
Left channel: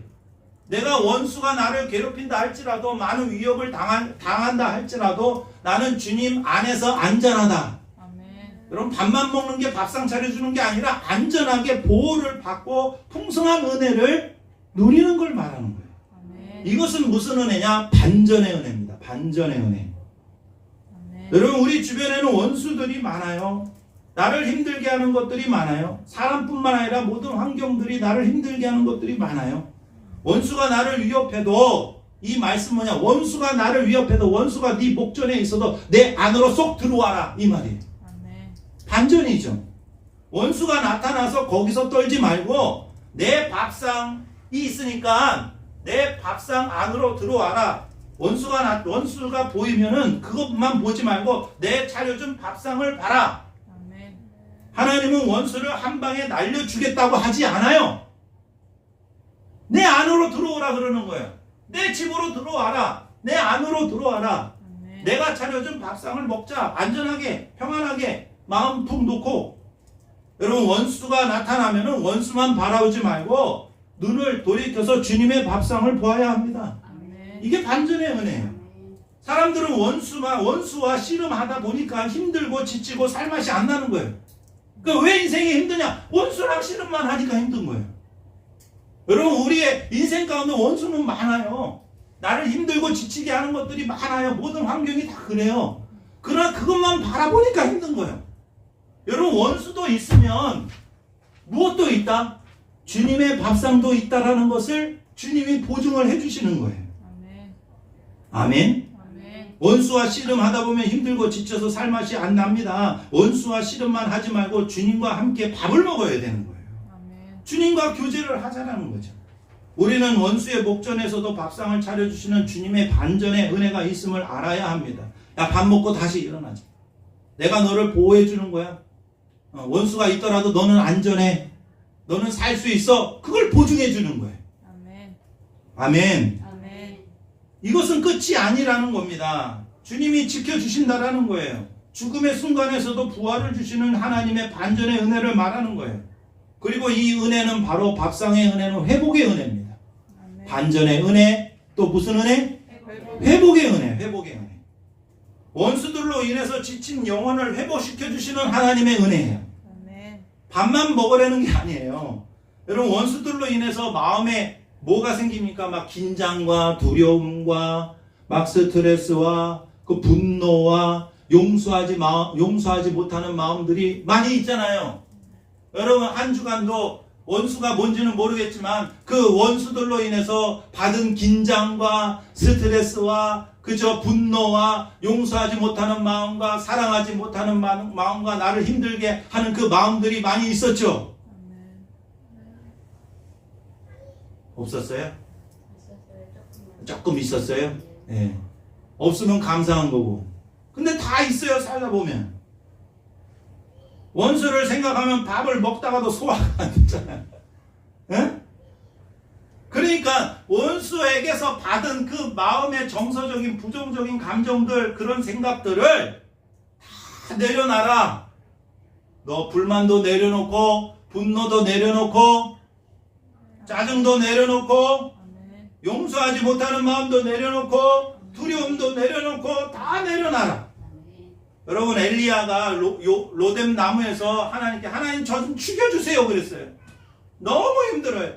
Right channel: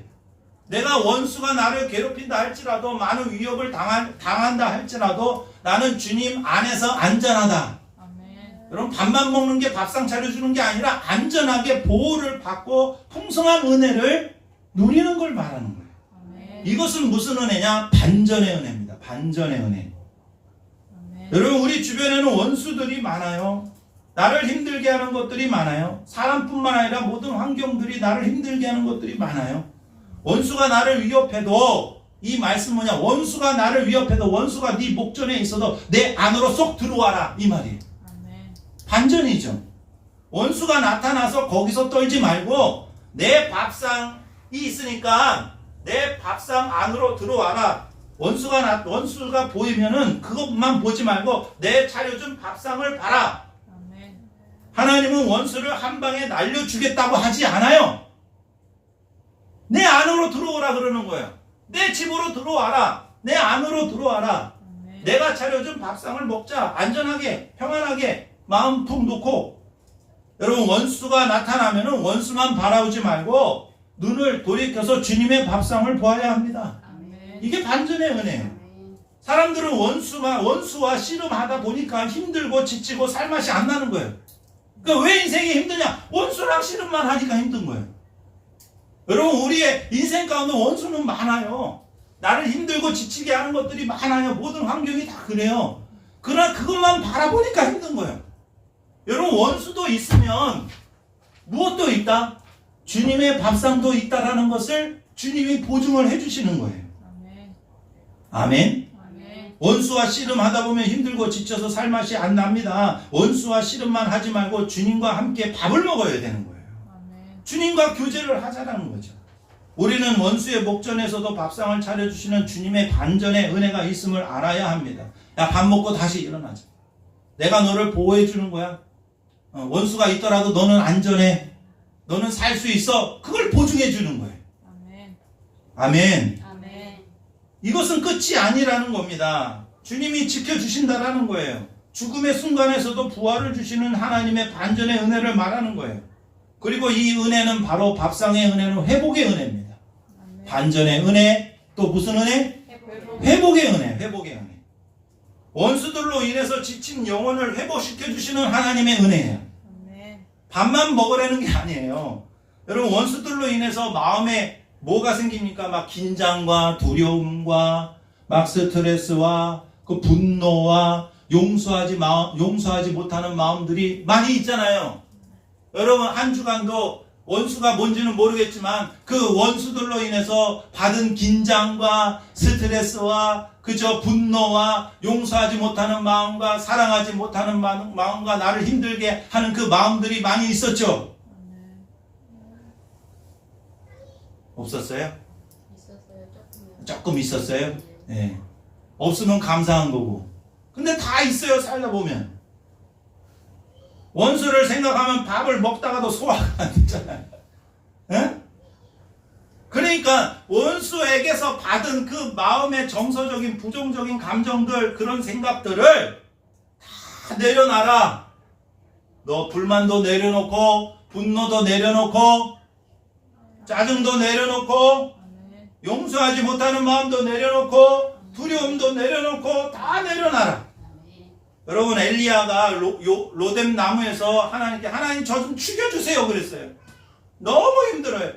내가 원수가 나를 괴롭힌다 할지라도 많은 위협을 당한다 할지라도 나는 주님 안에서 안전하다. 여러분, 밥만 먹는 게 밥상 차려주는 게 아니라 안전하게 보호를 받고 풍성한 은혜를 누리는 걸 말하는 거예요. 이것은 무슨 은혜냐? 반전의 은혜입니다. 반전의 은혜. 여러분, 우리 주변에는 원수들이 많아요. 나를 힘들게 하는 것들이 많아요. 사람뿐만 아니라 모든 환경들이 나를 힘들게 하는 것들이 많아요. 원수가 나를 위협해도, 이 말씀 뭐냐? 원수가 나를 위협해도, 원수가 네 목전에 있어도 내 안으로 쏙 들어와라, 이 말이에요. 반전이죠. 원수가 나타나서 거기서 떨지 말고 내 밥상이 있으니까 내 밥상 안으로 들어와라. 원수가 보이면은 그것만 보지 말고 내 차려준 밥상을 봐라. 하나님은 원수를 한 방에 날려주겠다고 하지 않아요. 내 안으로 들어오라 그러는 거예요. 내 집으로 들어와라. 내 안으로 들어와라. 내가 차려준 밥상을 먹자. 안전하게, 평안하게 마음 푹 놓고. 여러분, 원수가 나타나면은 원수만 바라보지 말고 눈을 돌이켜서 주님의 밥상을 보아야 합니다. 이게 반전의 은혜예요. 사람들은 원수와 씨름하다 보니까 힘들고 지치고 살맛이 안 나는 거예요. 그러니까 왜 인생이 힘드냐? 원수랑 씨름만 하니까 힘든 거예요. 여러분, 우리의 인생 가운데 원수는 많아요. 나를 힘들고 지치게 하는 것들이 많아요. 모든 환경이 다 그래요. 그러나 그것만 바라보니까 힘든 거예요. 여러분, 원수도 있으면 무엇도 있다? 주님의 밥상도 있다라는 것을 주님이 보증을 해주시는 거예요. 아멘. 원수와 씨름하다 보면 힘들고 지쳐서 살맛이 안 납니다. 원수와 씨름만 하지 말고 주님과 함께 밥을 먹어야 되는 거예요. 주님과 교제를 하자라는 거죠. 우리는 원수의 목전에서도 밥상을 차려주시는 주님의 반전의 은혜가 있음을 알아야 합니다. 야, 밥 먹고 다시 일어나자. 내가 너를 보호해 주는 거야. 원수가 있더라도 너는 안전해. 너는 살 수 있어. 그걸 보증해 주는 거예요. 아멘. 이것은 끝이 아니라는 겁니다. 주님이 지켜주신다라는 거예요. 죽음의 순간에서도 부활을 주시는 하나님의 반전의 은혜를 말하는 거예요. 그리고 이 은혜는 바로 밥상의 은혜는 회복의 은혜입니다. 반전의 은혜, 또 무슨 은혜? 회복의 은혜, 회복의 은혜. 원수들로 인해서 지친 영혼을 회복시켜 주시는 하나님의 은혜예요. 밥만 먹으라는 게 아니에요. 여러분, 원수들로 인해서 마음에 뭐가 생깁니까? 막 긴장과 두려움과 막 스트레스와 그 분노와 용서하지 못하는 마음들이 많이 있잖아요. 여러분, 한 주간도 원수가 뭔지는 모르겠지만 그 원수들로 인해서 받은 긴장과 스트레스와 그저 분노와 용서하지 못하는 마음과 사랑하지 못하는 마음과 나를 힘들게 하는 그 마음들이 많이 있었죠. 없었어요? 조금 있었어요? 네. 없으면 감사한 거고. 근데 다 있어요, 살다 보면. 원수를 생각하면 밥을 먹다가도 소화가 안 되잖아요. 네? 그러니까 원수에게서 받은 그 마음의 정서적인 부정적인 감정들, 그런 생각들을 다 내려놔라. 너 불만도 내려놓고 분노도 내려놓고 짜증도 내려놓고 용서하지 못하는 마음도 내려놓고 두려움도 내려놓고 다 내려놔라. 여러분, 엘리야가 로뎀 나무에서 하나님께 하나님 저 좀 죽여주세요 그랬어요. 너무 힘들어요.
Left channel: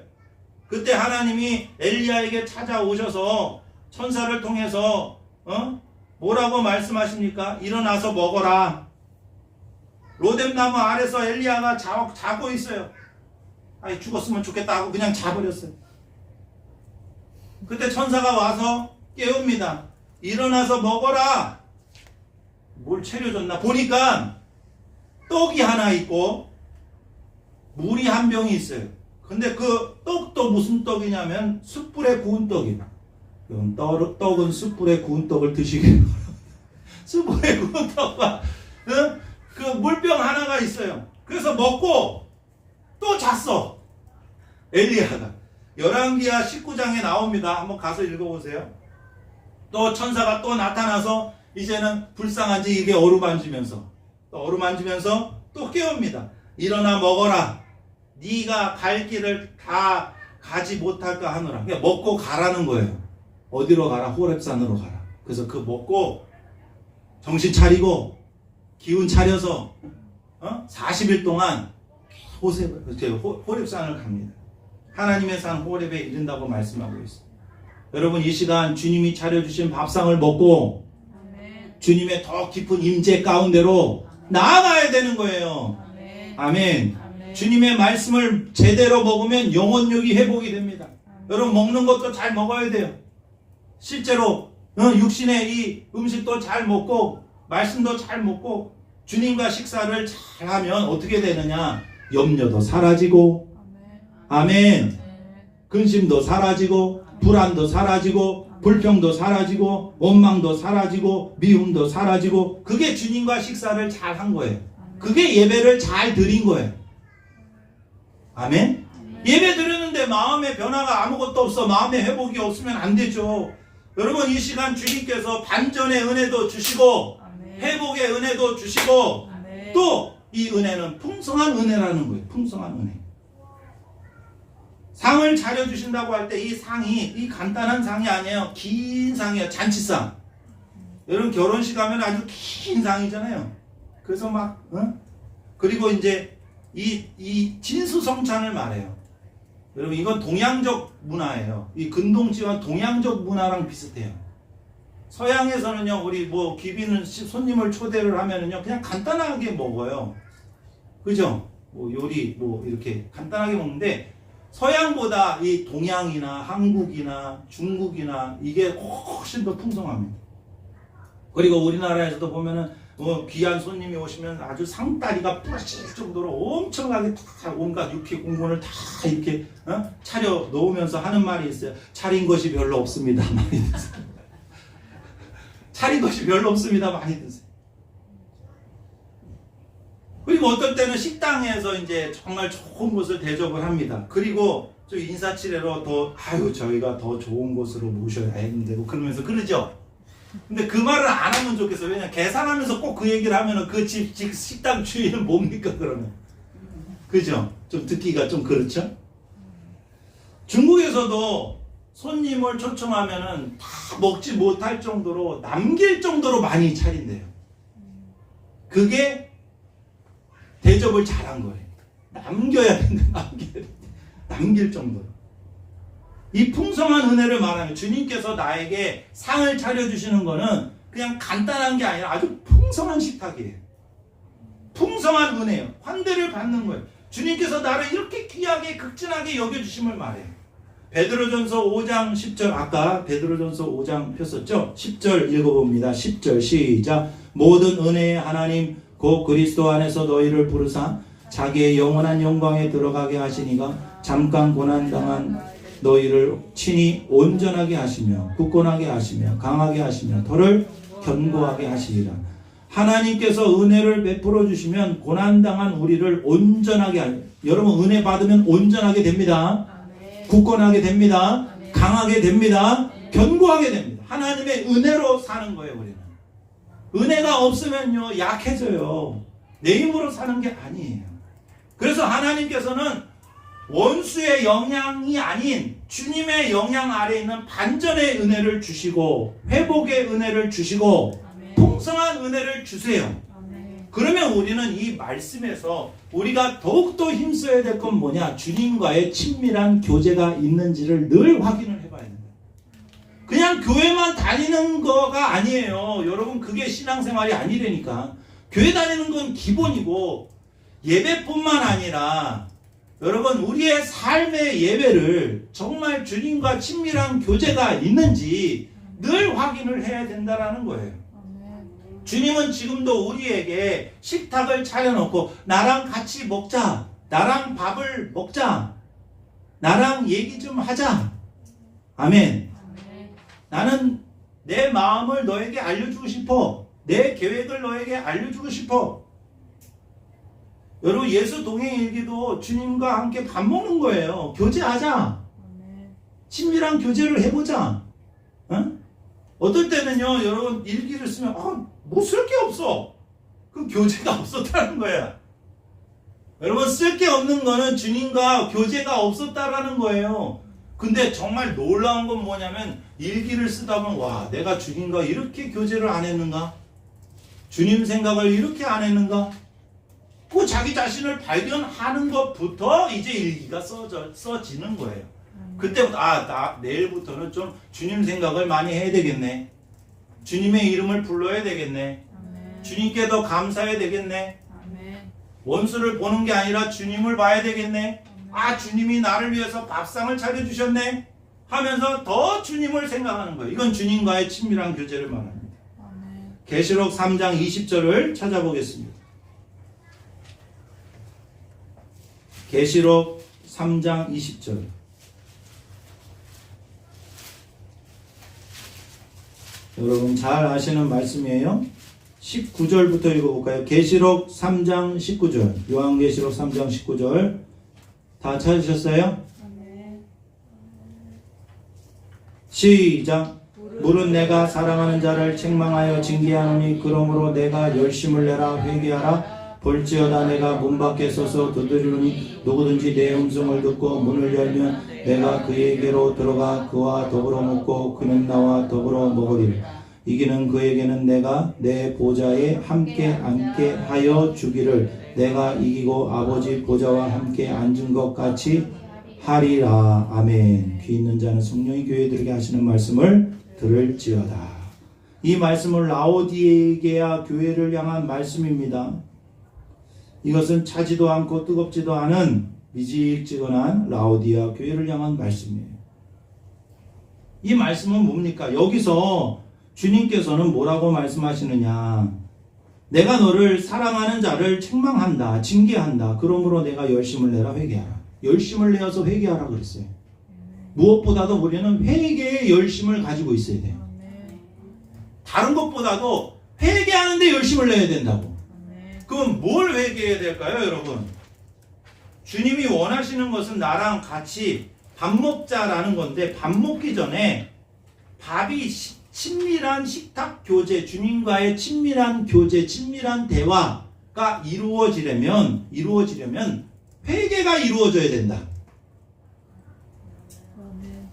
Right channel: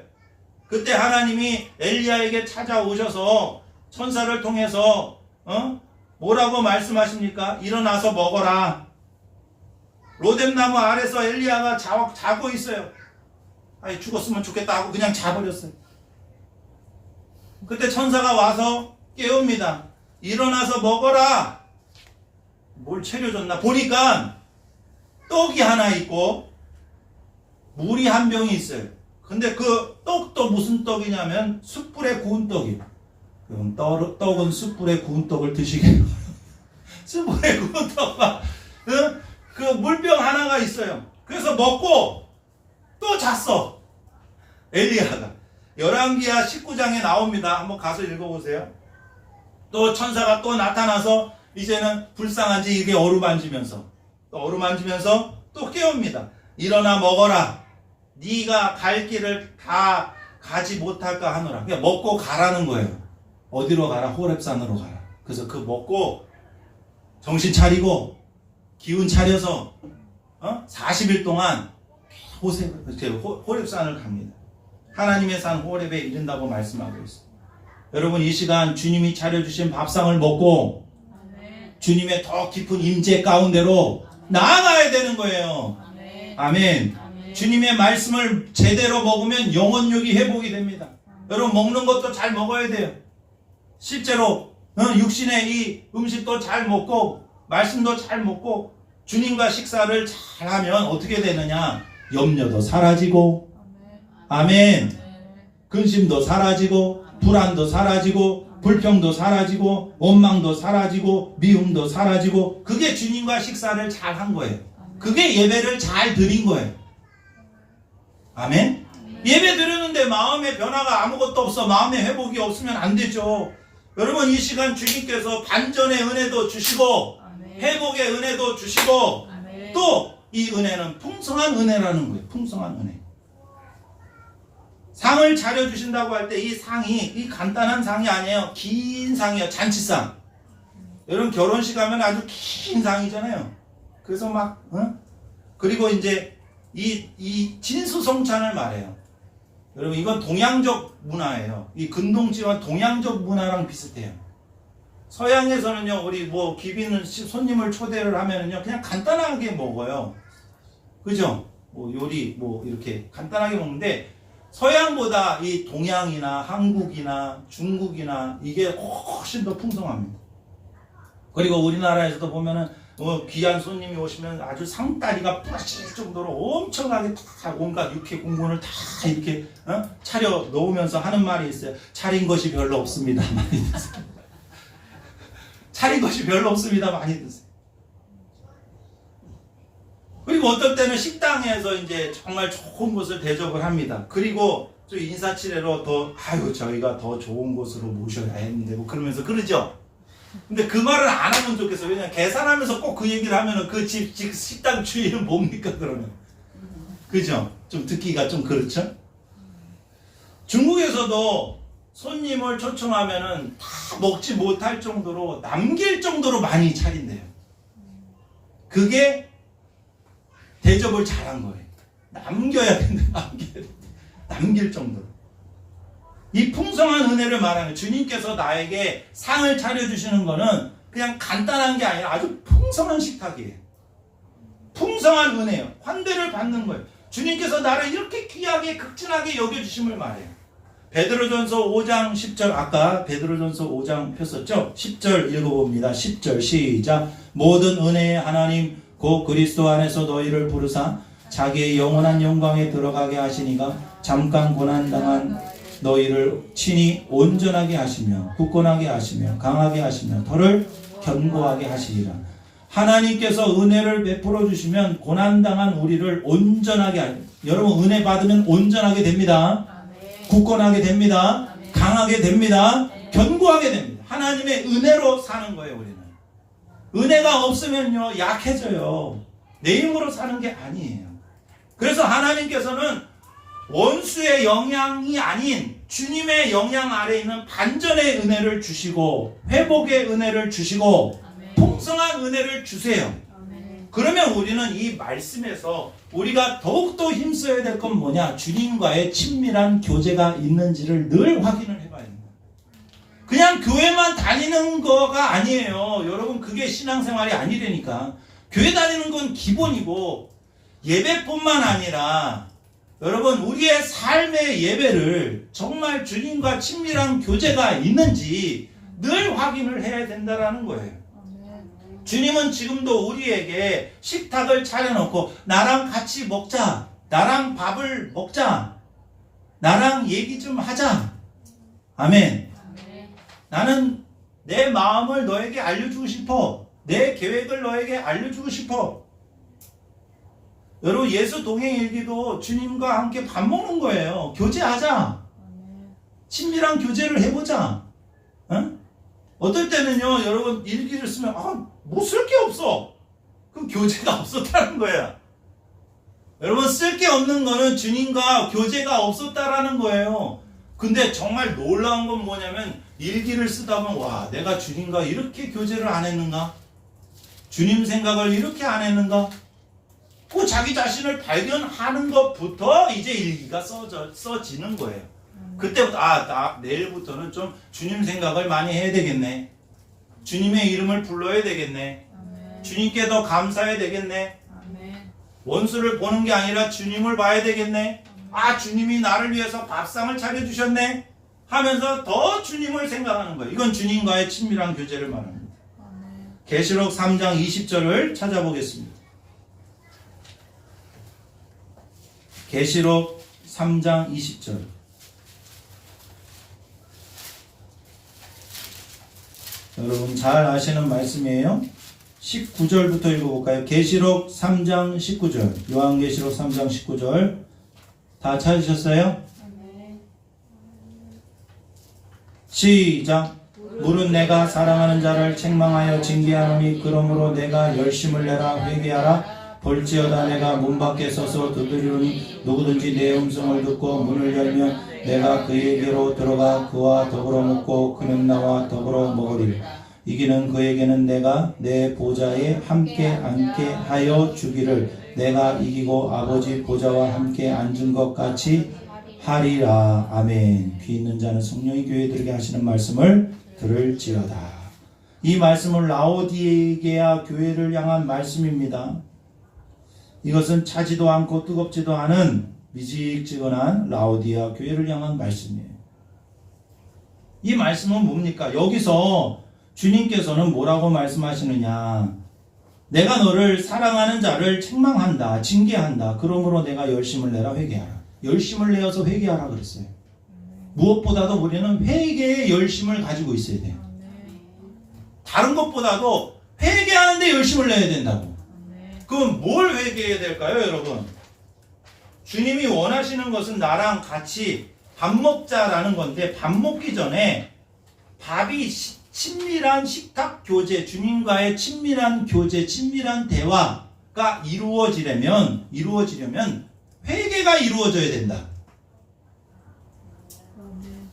그때 하나님이 엘리야에게 찾아오셔서 천사를 통해서 뭐라고 말씀하십니까? 일어나서 먹어라. 로뎀 나무 아래서 엘리야가 자고 있어요. 아이, 죽었으면 좋겠다 하고 그냥 자버렸어요. 그때 천사가 와서 깨웁니다. 일어나서 먹어라. 뭘 차려줬나 보니까 떡이 하나 있고 물이 한 병이 있어요. 근데 그 떡도 무슨 떡이냐면 숯불에 구운 떡이에요. 그럼 떡은 숯불에 구운 떡을 드시게. 숯불에 구운 떡과 그 물병 하나가 있어요. 그래서 먹고 또 잤어. 엘리야가. 열왕기하 19장에 나옵니다. 한번 가서 읽어보세요. 또 천사가 또 나타나서 이제는 불쌍한지 이게 어루만지면서 또 깨웁니다. 일어나 먹어라. 네가 갈 길을 다 가지 못할까 하노라. 그냥 먹고 가라는 거예요. 어디로 가라? 호렙산으로 가라. 그래서 그 먹고 정신 차리고 기운 차려서 40일 동안 호렙산을 갑니다. 하나님의 산 호렙에 이른다고 말씀하고 있어요. 여러분, 이 시간 주님이 차려주신 밥상을 먹고 주님의 더 깊은 임재 가운데로 나아가야 되는 거예요. 아멘. 주님의 말씀을 제대로 먹으면 영혼력이 회복이 됩니다. 여러분, 먹는 것도 잘 먹어야 돼요. 실제로 육신의 이 음식도 잘 먹고 말씀도 잘 먹고 주님과 식사를 잘 하면 어떻게 되느냐? 염려도 사라지고, 아멘. 근심도 사라지고, 불안도 사라지고, 불평도 사라지고, 원망도 사라지고, 미움도 사라지고, 그게 주님과 식사를 잘 한 거예요. 그게 예배를 잘 드린 거예요. 아멘. 예배 드리는데 마음의 변화가 아무것도 없어, 마음의 회복이 없으면 안 되죠. 여러분, 이 시간 주님께서 반전의 은혜도 주시고 회복의 은혜도 주시고 또 이 은혜는 풍성한 은혜라는 거예요. 풍성한 은혜. 상을 차려주신다고 할 때 이 상이 이 간단한 상이 아니에요. 긴 상이에요. 잔치상. 여러분, 결혼식 하면 아주 긴 상이잖아요. 그래서 막 그리고 이제 이 진수성찬을 말해요. 여러분, 이건 동양적 문화예요. 이 근동지와 동양적 문화랑 비슷해요. 서양에서는요, 우리 뭐 귀비는 손님을 초대를 하면은요, 그냥 간단하게 먹어요. 그죠? 뭐 요리 뭐 이렇게 간단하게 먹는데 서양보다 이 동양이나 한국이나 중국이나 이게 훨씬 더 풍성합니다. 그리고 우리나라에서도 보면은 귀한 손님이 오시면 아주 상다리가 부러질 정도로 엄청나게 다 온갖 육회 공분을 다 이렇게 차려 놓으면서 하는 말이 있어요. 차린 것이 별로 없습니다. 많이 드세요. 차린 것이 별로 없습니다. 많이 드세요. 그리고 어떨 때는 식당에서 이제 정말 좋은 곳을 대접을 합니다. 그리고 좀 인사치레로 저희가 더 좋은 곳으로 모셔야 했는데 뭐 그러면서 그러죠. 근데 그 말을 안 하면 좋겠어요. 왜냐면 계산하면서 꼭 그 얘기를 하면은 그 집 식당 주인은 뭡니까 그러면. 그죠? 좀 듣기가 좀 그렇죠? 중국에서도 손님을 초청하면은 다 먹지 못할 정도로 남길 정도로 많이 차린대요. 그게 대접을 잘한 거예요. 남겨야 된다. 남길 정도로. 이 풍성한 은혜를 말하는, 주님께서 나에게 상을 차려주시는 거는 그냥 간단한 게 아니라 아주 풍성한 식탁이에요. 풍성한 은혜예요. 환대를 받는 거예요. 주님께서 나를 이렇게 귀하게 극진하게 여겨주심을 말해요. 베드로전서 5장 10절, 아까 베드로전서 5장 폈었죠? 10절 읽어봅니다. 10절 시작. 모든 은혜의 하나님 곧 그리스도 안에서 너희를 부르사 자기의 영원한 영광에 들어가게 하시니가 잠깐 고난당한 너희를 친히 온전하게 하시며 굳건하게 하시며 강하게 하시며 더를 견고하게 하시리라. 하나님께서 은혜를 베풀어 주시면 고난당한 우리를 온전하게 여러분, 은혜 받으면 온전하게 됩니다. 굳건하게 됩니다. 강하게 됩니다. 견고하게 됩니다. 하나님의 은혜로 사는 거예요. 우리는 은혜가 없으면요 약해져요. 내 힘으로 사는 게 아니에요. 그래서 하나님께서는 원수의 영향이 아닌 주님의 영향 아래 있는 반전의 은혜를 주시고 회복의 은혜를 주시고 풍성한 은혜를 주세요. 그러면 우리는 이 말씀에서 우리가 더욱더 힘써야 될 건 뭐냐? 주님과의 친밀한 교제가 있는지를 늘 확인을 해봐야 됩니다. 그냥 교회만 다니는 거가 아니에요. 여러분, 그게 신앙생활이 아니라니까. 교회 다니는 건 기본이고 예배뿐만 아니라 여러분, 우리의 삶의 예배를 정말 주님과 친밀한 교제가 있는지 늘 확인을 해야 된다는 거예요. 주님은 지금도 우리에게 식탁을 차려놓고 나랑 같이 먹자, 나랑 밥을 먹자, 나랑 얘기 좀 하자. 아멘. 나는 내 마음을 너에게 알려주고 싶어. 내 계획을 너에게 알려주고 싶어. 여러분, 예수 동행일기도 주님과 함께 밥 먹는 거예요. 교제하자. 친밀한 교제를 해보자. 어떨 때는요, 여러분, 일기를 쓰면 뭐 쓸 게 없어. 그럼 교제가 없었다는 거야. 여러분, 쓸 게 없는 거는 주님과 교제가 없었다라는 거예요. 근데 정말 놀라운 건 뭐냐면, 일기를 쓰다 보면 와, 내가 주님과 이렇게 교제를 안 했는가? 주님 생각을 이렇게 안 했는가? 그 자기 자신을 발견하는 것부터 이제 일기가 써지는 거예요. 그때부터 나 내일부터는 좀 주님 생각을 많이 해야 되겠네. 주님의 이름을 불러야 되겠네. 주님께 더 감사해야 되겠네. 원수를 보는 게 아니라 주님을 봐야 되겠네. 주님이 나를 위해서 밥상을 차려주셨네 하면서 더 주님을 생각하는 거예요. 이건 주님과의 친밀한 교제를 말합니다. 계시록 3장 20절을 찾아보겠습니다. 계시록 3장 20절. 여러분 잘 아시는 말씀이에요. 19절부터 읽어볼까요? 계시록 3장 19절. 요한계시록 3장 19절. 다 찾으셨어요? 시작. 물은 내가 사랑하는 자를 책망하여 징계하노니 그러므로 내가 열심을 내라 회개하라. 볼지어다 내가 문 밖에 서서 두드리노니 누구든지 내 음성을 듣고 문을 열면 내가 그에게로 들어가 그와 더불어 먹고 그는 나와 더불어 먹으리라. 이기는 그에게는 내가 내 보좌에 함께 앉게 하여 주기를 내가 이기고 아버지 보좌와 함께 앉은 것 같이 하리라. 아멘. 귀 있는 자는 성령이 교회들에게 하시는 말씀을 들을지어다. 이 말씀은 라오디게아 교회를 향한 말씀입니다. 이것은 차지도 않고 뜨겁지도 않은 미직지근한 라오디게아 교회를 향한 말씀이에요. 이 말씀은 뭡니까? 여기서 주님께서는 뭐라고 말씀하시느냐? 내가 너를 사랑하는 자를 책망한다, 징계한다. 그러므로 내가 열심을 내라 회개하라. 열심을 내어서 회개하라 그랬어요. 무엇보다도 우리는 회개의 열심을 가지고 있어야 돼요. 다른 것보다도 회개하는데 열심을 내야 된다고. 그럼 뭘 회개해야 될까요, 여러분? 주님이 원하시는 것은 나랑 같이 밥 먹자라는 건데, 밥 먹기 전에 밥이 친밀한 식탁 교제, 주님과의 친밀한 교제, 친밀한 대화가 이루어지려면 회개가 이루어져야 된다.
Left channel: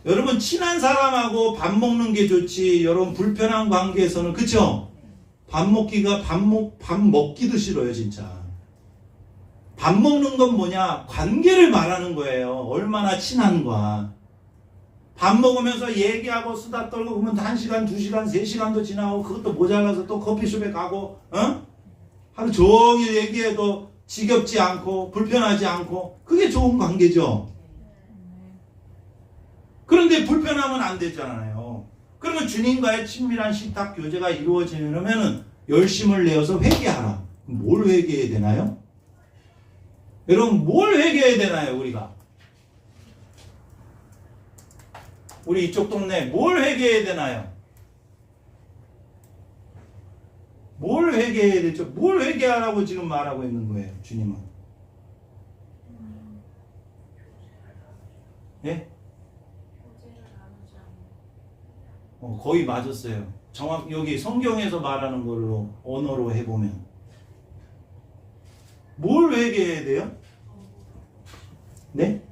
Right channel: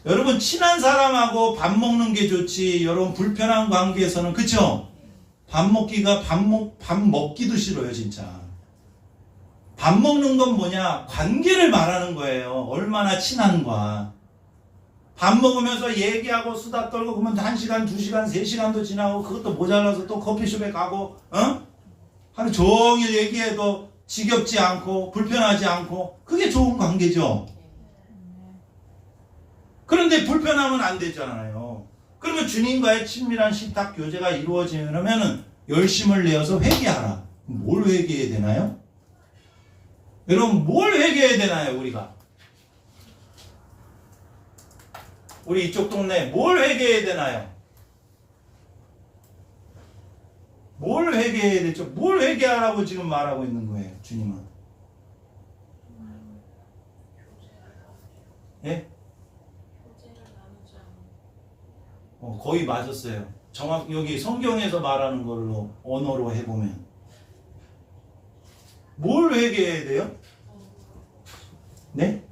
여러분, 친한 사람하고 밥 먹는 게 좋지, 여러분 불편한 관계에서는, 그쵸? 밥 먹기도 싫어요, 진짜. 밥 먹는 건 뭐냐? 관계를 말하는 거예요. 얼마나 친한가. 밥 먹으면서 얘기하고 수다 떨고 그러면 1시간, 2시간, 3시간도 지나고 그것도 모자라서 또 커피숍에 가고 하루 종일 얘기해도 지겹지 않고 불편하지 않고 그게 좋은 관계죠. 그런데 불편하면 안 되잖아요. 그러면 주님과의 친밀한 식탁 교제가 이루어지려면 열심을 내어서 회개하라. 뭘 회개해야 되나요? 여러분 뭘 회개해야 되나요? 우리 이쪽 동네 뭘 회개해야 되나요? 뭘 회개해야 되죠? 뭘 회개하라고 지금 말하고 있는 거예요, 주님은? 예? 거의 맞았어요. 정확히 여기 성경에서 말하는 걸로 언어로 해보면 뭘 회개해야 돼요? 네?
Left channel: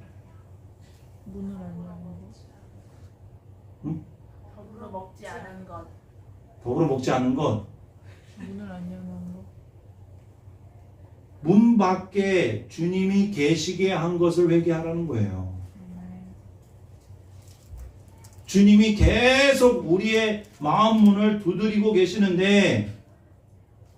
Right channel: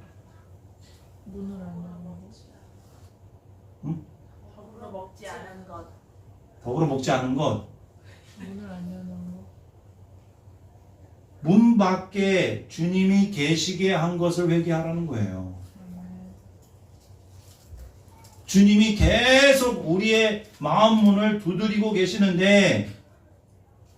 문을 안 열고 응? 더불어 먹지 않은 것. 더불어 먹지 않은 것. 문을 안 여는 것. 문 밖에 주님이 계시게 한 것을 회개하라는 거예요. 주님이 계속 우리의 마음 문을 두드리고 계시는데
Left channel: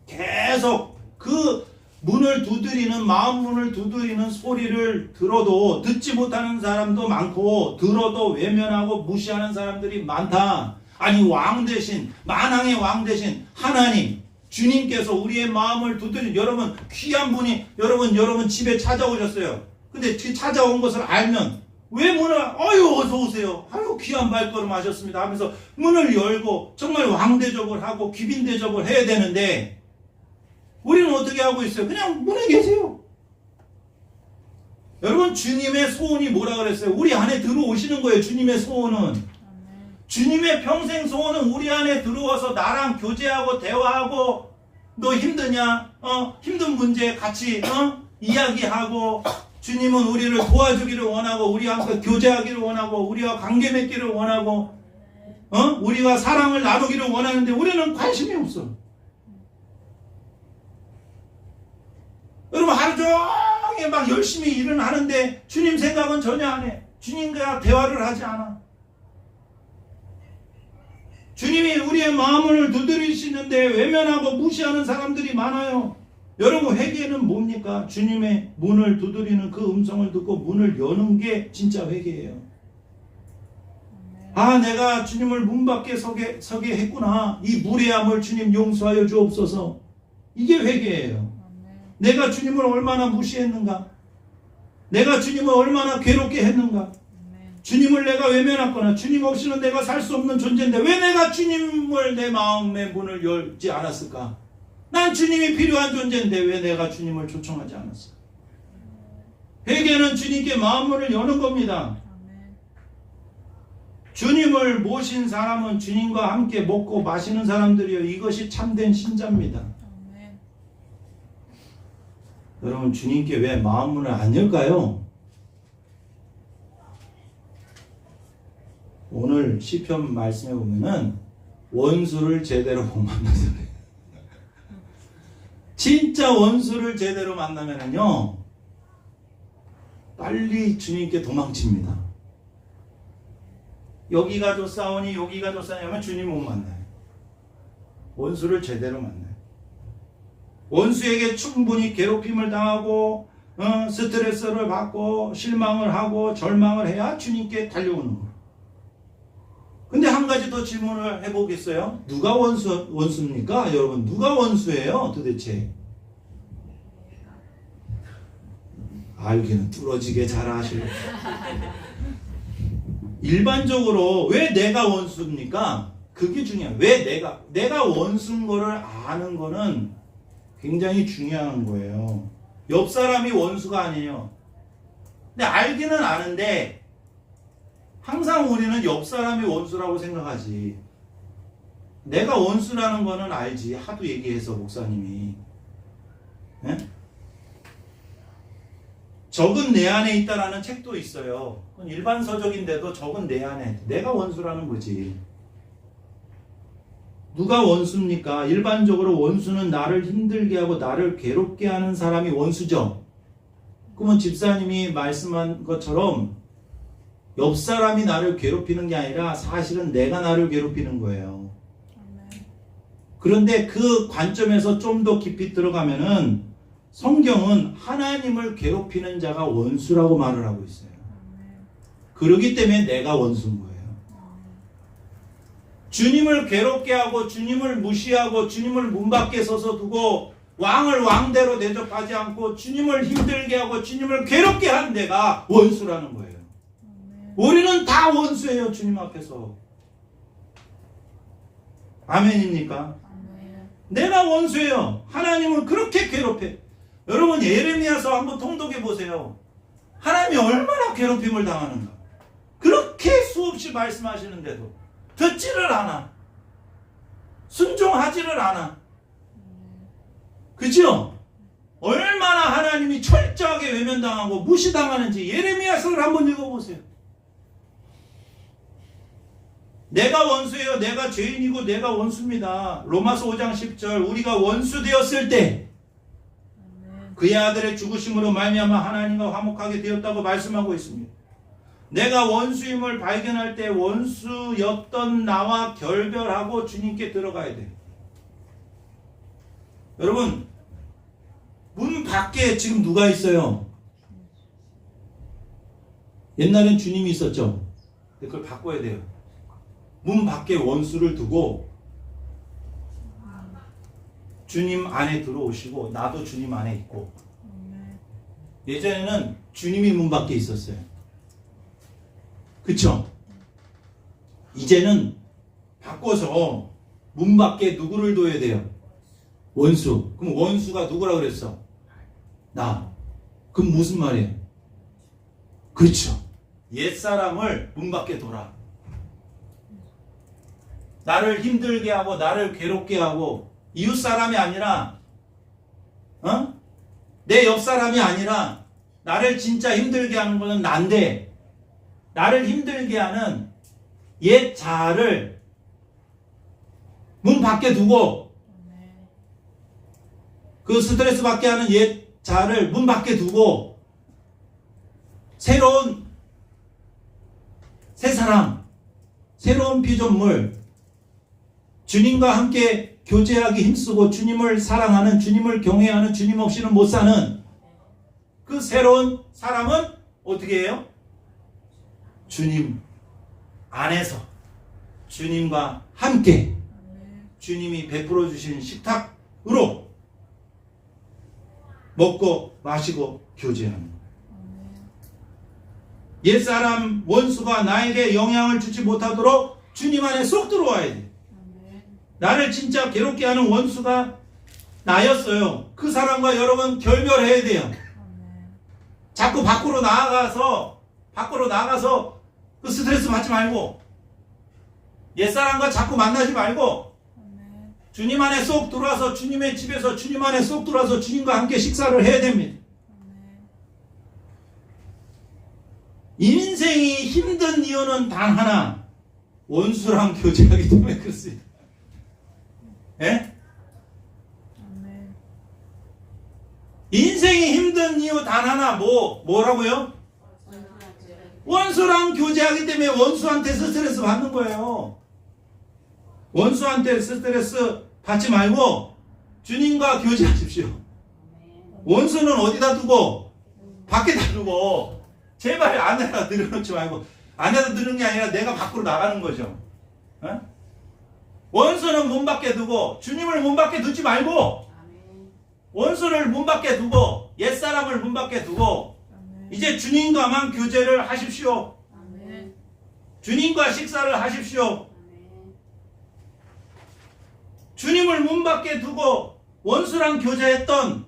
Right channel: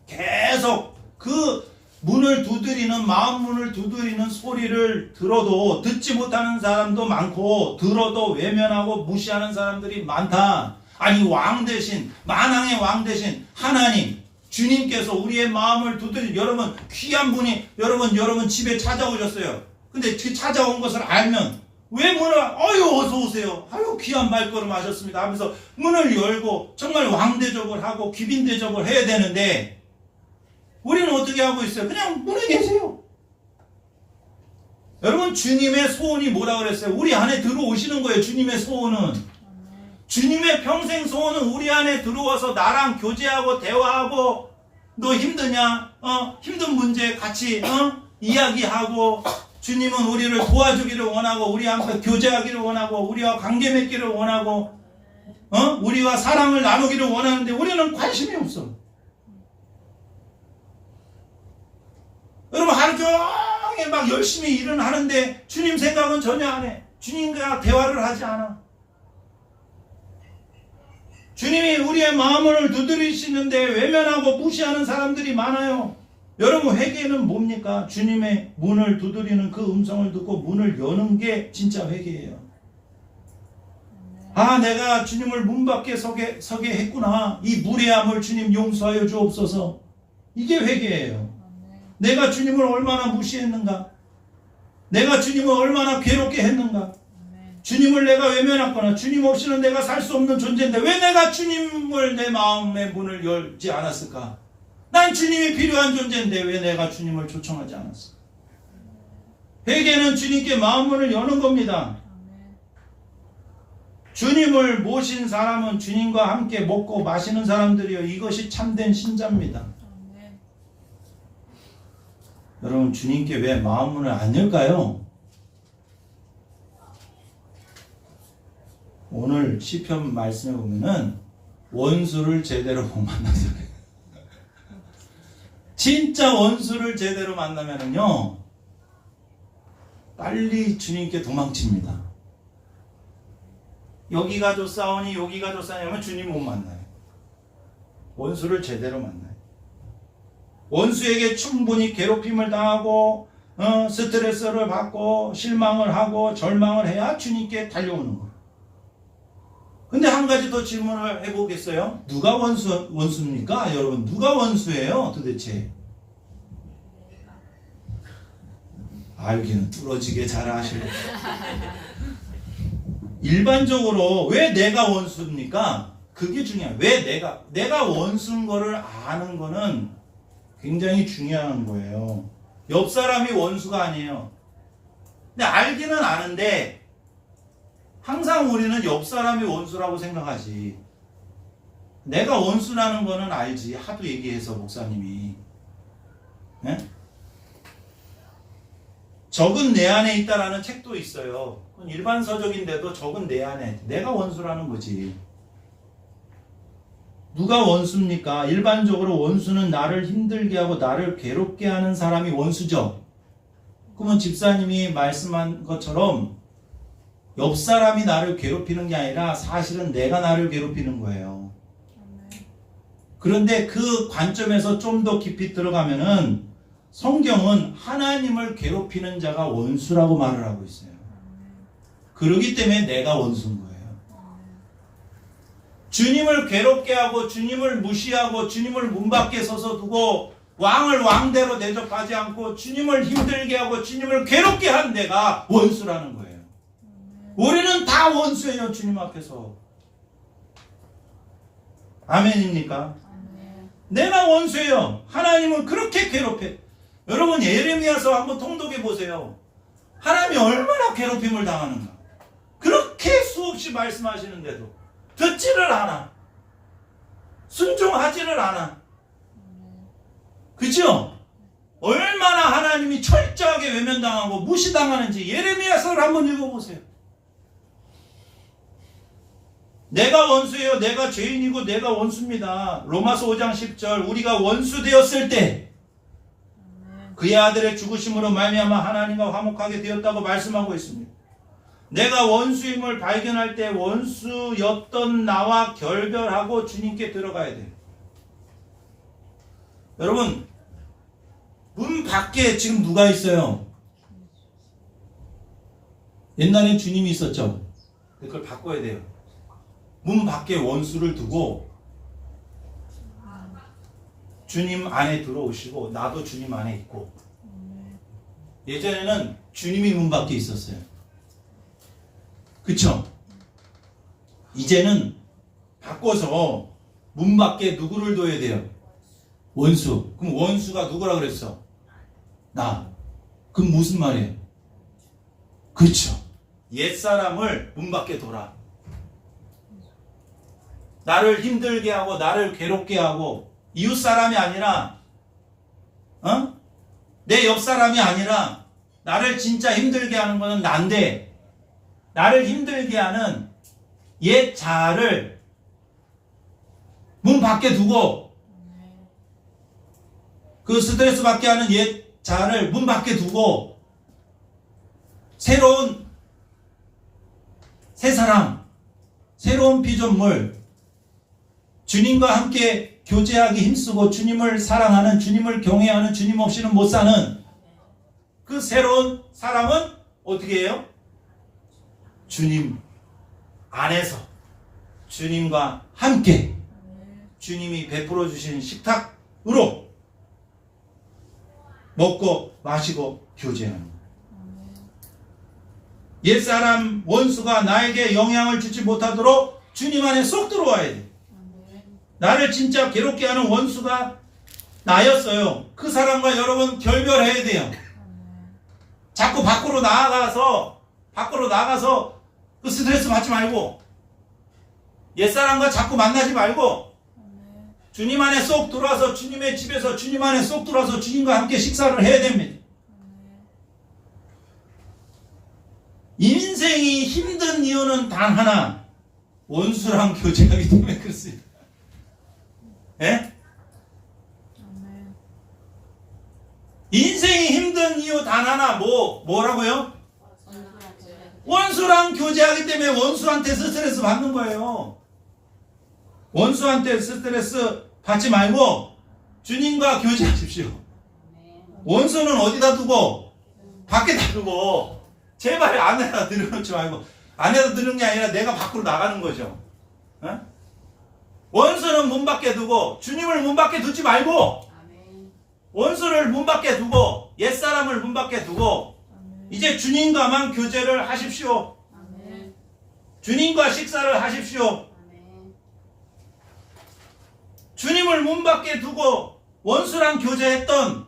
계속 그 문을 두드리는 마음 문을 두드리는 소리를 들어도 듣지 못하는 사람도 많고 들어도 외면하고 무시하는 사람들이 많다. 아니 왕 대신 만왕의 왕 대신 하나님 주님께서 우리의 마음을 여러분 귀한 분이 여러분 집에 찾아오셨어요. 근데 그 찾아온 것을 알면 왜 문을 아유 어서 오세요. 아유 귀한 발걸음 하셨습니다 하면서 문을 열고 정말 왕대접을 하고 귀빈대접을 해야 되는데 우리는 어떻게 하고 있어요? 그냥 문에 계세요. 여러분 주님의 소원이 뭐라 그랬어요? 우리 안에 들어오시는 거예요. 주님의 소원은. 주님의 평생 소원은 우리 안에 들어와서 나랑 교제하고 대화하고 너 힘드냐? 힘든 문제 같이 이야기하고 주님은 우리를 도와주기를 원하고 우리와 함께 교제하기를 원하고 우리와 관계 맺기를 원하고 우리와 사랑을 나누기를 원하는데 우리는 관심이 없어. 여러분 하루 종일 막 열심히 일은 하는데 주님 생각은 전혀 안 해. 주님과 대화를 하지 않아. 주님이 우리의 마음을 두드리시는데 외면하고 무시하는 사람들이 많아요. 여러분 회개는 뭡니까? 주님의 문을 두드리는 그 음성을 듣고 문을 여는 게 진짜 회개예요. 아 내가 주님을 문 밖에 서게 했구나. 이 무례함을 주님 용서하여 주옵소서. 이게 회개예요. 내가 주님을 얼마나 무시했는가? 내가 주님을 얼마나 괴롭게 했는가? 주님을 내가 외면했거나 주님 없이는 내가 살 수 없는 존재인데 왜 내가 주님을 내 마음의 문을 열지 않았을까? 난 주님이 필요한 존재인데 왜 내가 주님을 초청하지 않았을까? 회개는 주님께 마음문을 여는 겁니다. 주님을 모신 사람은 주님과 함께 먹고 마시는 사람들이요. 이것이 참된 신자입니다. 여러분 주님께 왜 마음문을 안 열까요? 오늘 시편 말씀에 보면은 원수를 제대로 못 만나서 그래요. 진짜 원수를 제대로 만나면은요 빨리 주님께 도망칩니다. 여기가 좋사오니 여기가 좋사오니 하면 주님 못 만나요. 원수를 제대로 만나요. 원수에게 충분히 괴롭힘을 당하고 스트레스를 받고 실망을 하고 절망을 해야 주님께 달려오는 거예요. 근데 한 가지 더 질문을 해보겠어요? 누가 원수입니까? 여러분 누가 원수예요 도대체? 알기는 뚫어지게 잘 아시고 일반적으로 왜 내가 원수입니까? 그게 중요해요. 왜 내가 원수인 거를 아는 거는 굉장히 중요한 거예요. 옆 사람이 원수가 아니에요. 근데 알기는 아는데 항상 우리는 옆 사람이 원수라고 생각하지. 내가 원수라는 거는 알지. 하도 얘기해서 목사님이. 네? 적은 내 안에 있다라는 책도 있어요. 일반서적인데도 적은 내 안에. 내가 원수라는 거지. 누가 원수입니까? 일반적으로 원수는 나를 힘들게 하고 나를 괴롭게 하는 사람이 원수죠. 그러면 집사님이 말씀한 것처럼 옆 사람이 나를 괴롭히는 게 아니라 사실은 내가 나를 괴롭히는 거예요. 그런데 그 관점에서 좀 더 깊이 들어가면은 성경은 하나님을 괴롭히는 자가 원수라고 말을 하고 있어요. 그렇기 때문에 내가 원수인 거예요. 주님을 괴롭게 하고 주님을 무시하고 주님을 문 밖에 서서 두고 왕을 왕대로 대접하지 않고 주님을 힘들게 하고 주님을 괴롭게 한 내가 원수라는 거예요. 우리는 다 원수예요. 주님 앞에서. 아멘입니까? 내가 원수예요. 하나님은 그렇게 괴롭혀. 여러분 예레미야서 한번 통독해 보세요. 하나님이 얼마나 괴롭힘을 당하는가. 그렇게 수없이 말씀하시는데도 듣지를 않아. 순종하지를 않아. 그죠? 얼마나 하나님이 철저하게 외면당하고 무시당하는지 예레미야서를 한번 읽어보세요. 내가 원수예요. 내가 죄인이고 내가 원수입니다. 로마서 5장 10절 우리가 원수 되었을 때 그의 아들의 죽으심으로 말미암아 하나님과 화목하게 되었다고 말씀하고 있습니다. 내가 원수임을 발견할 때 원수였던 나와 결별하고 주님께 들어가야 돼요. 여러분 문 밖에 지금 누가 있어요? 옛날엔 주님이 있었죠. 그걸 바꿔야 돼요. 문 밖에 원수를 두고 주님 안에 들어오시고 나도 주님 안에 있고. 예전에는 주님이 문 밖에 있었어요. 그쵸? 이제는 바꿔서 문 밖에 누구를 둬야 돼요? 원수. 그럼 원수가 누구라 그랬어? 나. 그럼 무슨 말이에요? 그렇죠. 옛사람을 문 밖에 둬라. 나를 힘들게 하고 나를 괴롭게 하고 이웃사람이 아니라 내 옆사람이 아니라 나를 진짜 힘들게 하는 거는 난데, 나를 힘들게 하는 옛 자아를 문 밖에 두고, 그 스트레스 받게 하는 옛 자아를 문 밖에 두고 새로운 새 사람, 새로운 피조물, 주님과 함께 교제하기 힘쓰고 주님을 사랑하는, 주님을 경외하는, 주님 없이는 못 사는 그 새로운 사람은 어떻게 해요? 주님 안에서 주님과 함께 주님이 베풀어 주신 식탁으로 먹고 마시고 교제하는 거예요. 옛사람 원수가 나에게 영향을 주지 못하도록 주님 안에 쏙 들어와야 돼. 나를 진짜 괴롭게 하는 원수가 나였어요. 그 사람과 여러분 결별해야 돼요. 자꾸 밖으로 나가서 그 스트레스 받지 말고, 옛사람과 자꾸 만나지 말고 주님 안에 쏙 들어와서, 주님의 집에서 주님 안에 쏙 들어와서 주님과 함께 식사를 해야 됩니다. 인생이 힘든 이유는 단 하나, 원수랑 교제하기 때문에 그렇습니다. 예? 인생이 힘든 이유 단 하나, 뭐라고요? 원수랑 교제하기 때문에 원수한테 스트레스 받는 거예요. 원수한테 스트레스 받지 말고 주님과 교제하십시오. 원수는 어디다 두고? 밖에다 두고. 제발 안에다 들여놓지 말고. 안에다 들은 게 아니라 내가 밖으로 나가는 거죠. 어? 원수는 문 밖에 두고 주님을 문 밖에 두지 말고, 원수를 문 밖에 두고 옛사람을 문 밖에 두고 이제 주님과만 교제를 하십시오. 주님과 식사를 하십시오. 주님을 문 밖에 두고 원수랑 교제했던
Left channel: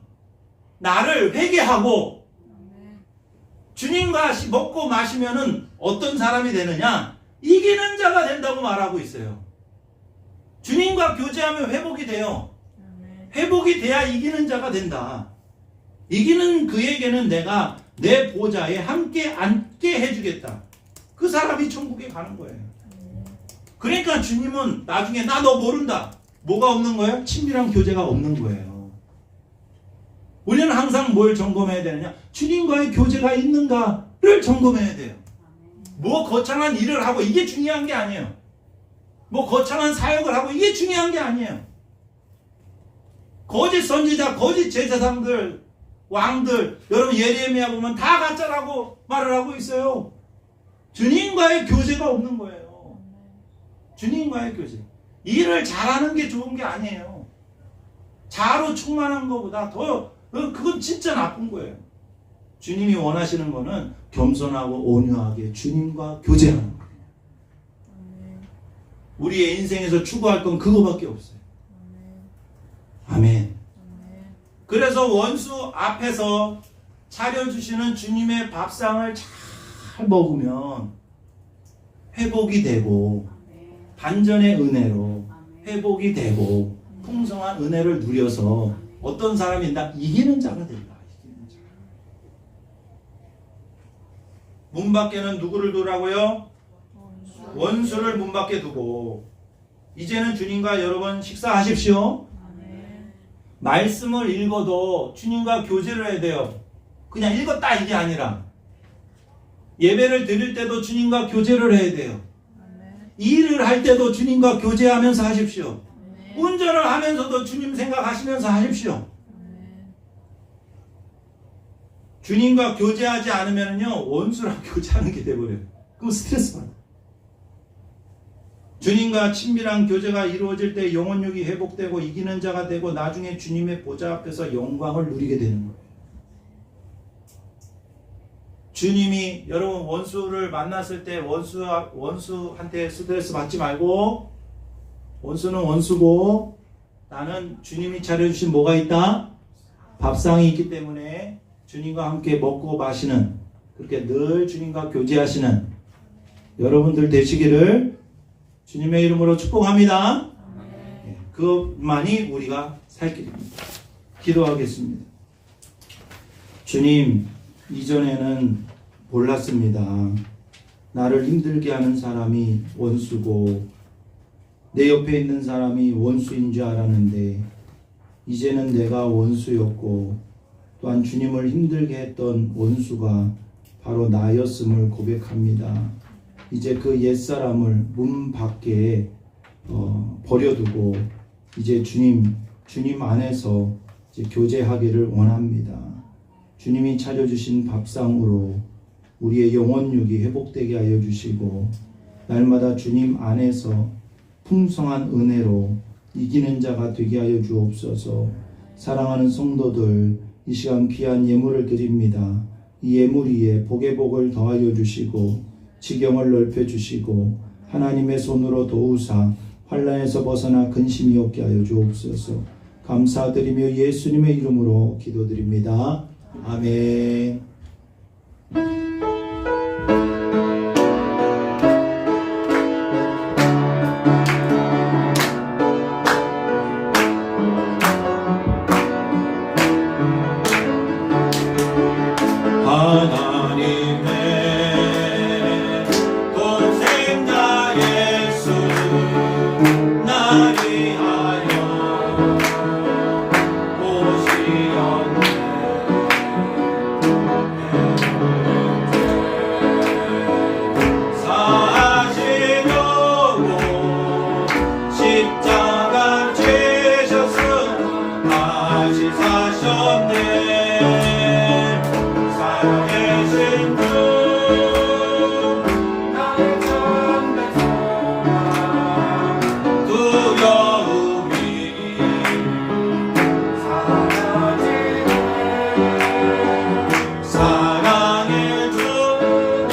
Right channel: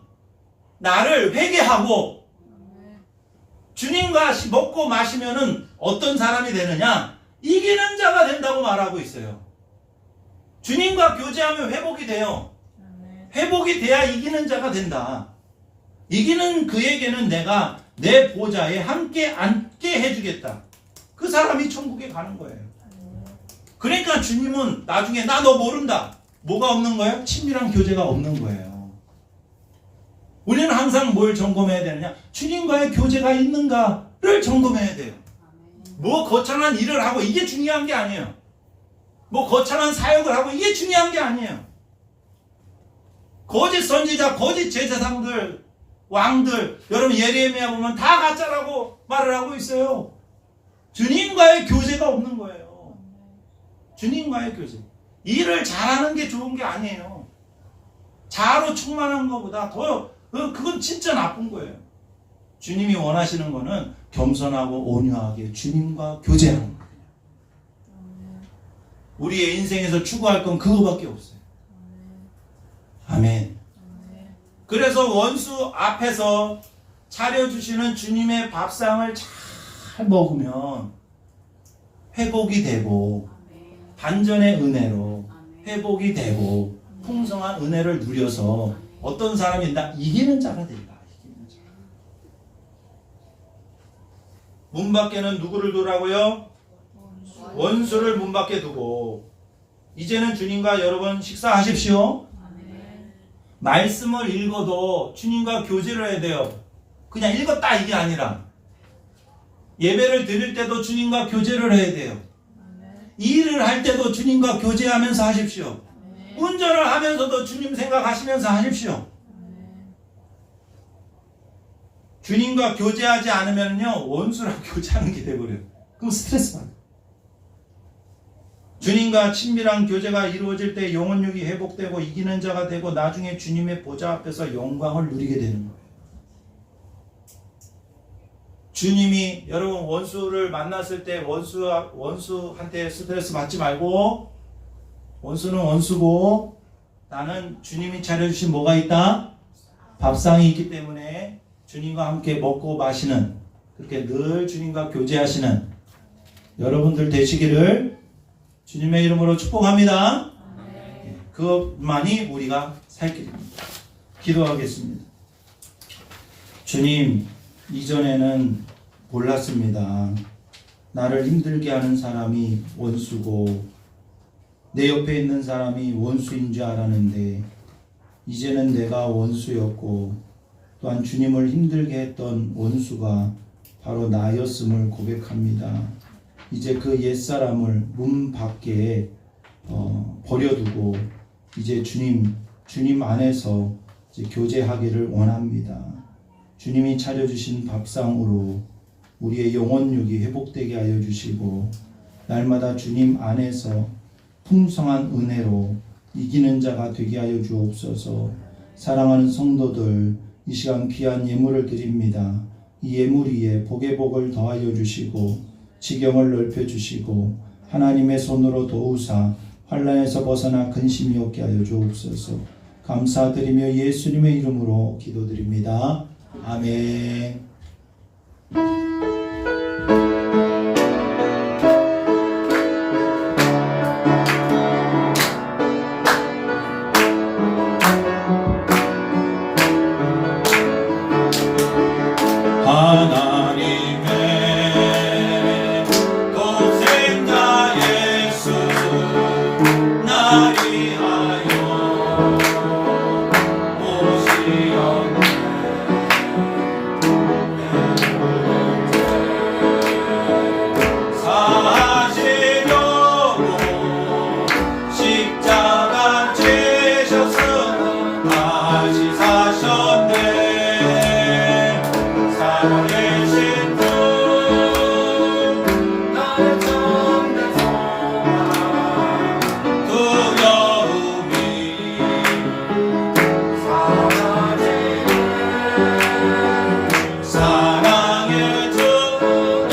나를 회개하고 주님과 먹고 마시면은 어떤 사람이 되느냐? 이기는 자가 된다고 말하고 있어요. 주님과 교제하면 회복이 돼요. 회복이 돼야 이기는 자가 된다. 이기는 그에게는 내가 내 보좌에 함께 앉게 해주겠다. 그 사람이 천국에 가는 거예요. 그러니까 주님은 나중에 나 너 모른다. 뭐가 없는 거예요? 친밀한 교제가 없는 거예요. 우리는 항상 뭘 점검해야 되느냐? 주님과의 교제가 있는가를 점검해야 돼요. 뭐 거창한 일을 하고 이게 중요한 게 아니에요. 뭐 거창한 사역을 하고 이게 중요한 게 아니에요. 거짓 선지자, 거짓 제사장들, 왕들, 여러분 예레미야 보면 다 가짜라고 말을 하고 있어요. 주님과의 교제가 없는 거예요. 주님과의 교제. 일을 잘하는 게 좋은 게 아니에요. 자아로 충만한 것보다 그건 진짜 나쁜 거예요. 주님이 원하시는 거는 겸손하고 온유하게 주님과 교제하는 거예요. 우리의 인생에서 추구할 건 그거밖에 없어요. 아멘. 그래서 원수 앞에서 차려주시는 주님의 밥상을 잘 먹으면 회복이 되고, 반전의 은혜로 회복이 되고 풍성한 은혜를 누려서 어떤 사람이 나 이기는 자가 된다. 이기는 자. 문 밖에는 누구를 두라고요? 원수를 문 밖에 두고. 이제는 주님과 여러분 식사하십시오. 말씀을 읽어도 주님과 교제를 해야 돼요. 그냥 읽었다 이게 아니라 예배를 드릴 때도 주님과 교제를 해야 돼요. 일을 할 때도 주님과 교제하면서 하십시오. 운전을 하면서도 주님 생각하시면서 하십시오. 주님과 교제하지 않으면요 원수랑 교제하는 게 돼버려요. 그럼 스트레스 받아요. 주님과 친밀한 교제가 이루어질 때 영혼력이 회복되고 이기는 자가 되고 나중에 주님의 보좌 앞에서 영광을 누리게 되는 거예요. 주님이 여러분 원수를 만났을 때 원수한테 스트레스 받지 말고, 원수는 원수고 나는 주님이 차려주신 뭐가 있다? 밥상이 있기 때문에 주님과 함께 먹고 마시는, 그렇게 늘 주님과 교제하시는 여러분들 되시기를 주님의 이름으로 축복합니다. 그것만이 우리가 살 길입니다. 기도하겠습니다. 주님, 이전에는 몰랐습니다. 나를 힘들게 하는 사람이 원수고 내 옆에 있는 사람이 원수인 줄 알았는데 이제는 내가 원수였고 또한 주님을 힘들게 했던 원수가 바로 나였음을 고백합니다. 이제 그 옛사람을 문 밖에 버려두고 이제 주님 안에서 이제 교제하기를 원합니다. 주님이 차려주신 밥상으로 우리의 영혼육이 회복되게 하여 주시고 날마다 주님 안에서 풍성한 은혜로 이기는 자가 되게 하여 주옵소서. 사랑하는 성도들, 이 시간 귀한 예물을 드립니다. 이 예물 위에 복의 복을 더하여 주시고 지경을 넓혀 주시고 하나님의 손으로 도우사 환난에서 벗어나 근심이 없게 하여 주옵소서. 감사드리며 예수님의 이름으로 기도드립니다. 아멘. 하나님의 독생자 예수 날 위하여 오시었네. 사시려고 십자가 지셨으니 다시 사셨네. 살아계신 주 나의 참된 소망 두려움이 사라지네. 사랑의 주 내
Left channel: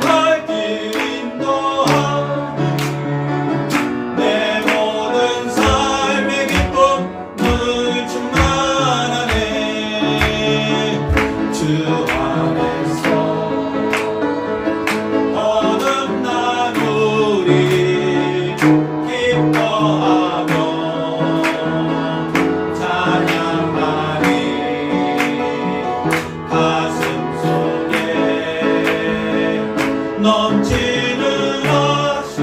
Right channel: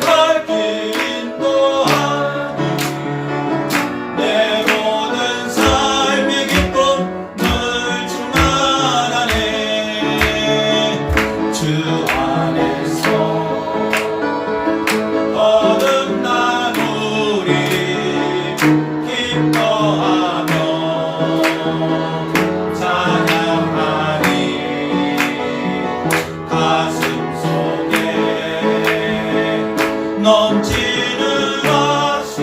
갈 길 인도하니 내 모든 삶의 기쁨 늘 충만하네. 주 안에서 거듭난 우리 기뻐하며 찬양하니 가슴 속에 넘치는 것이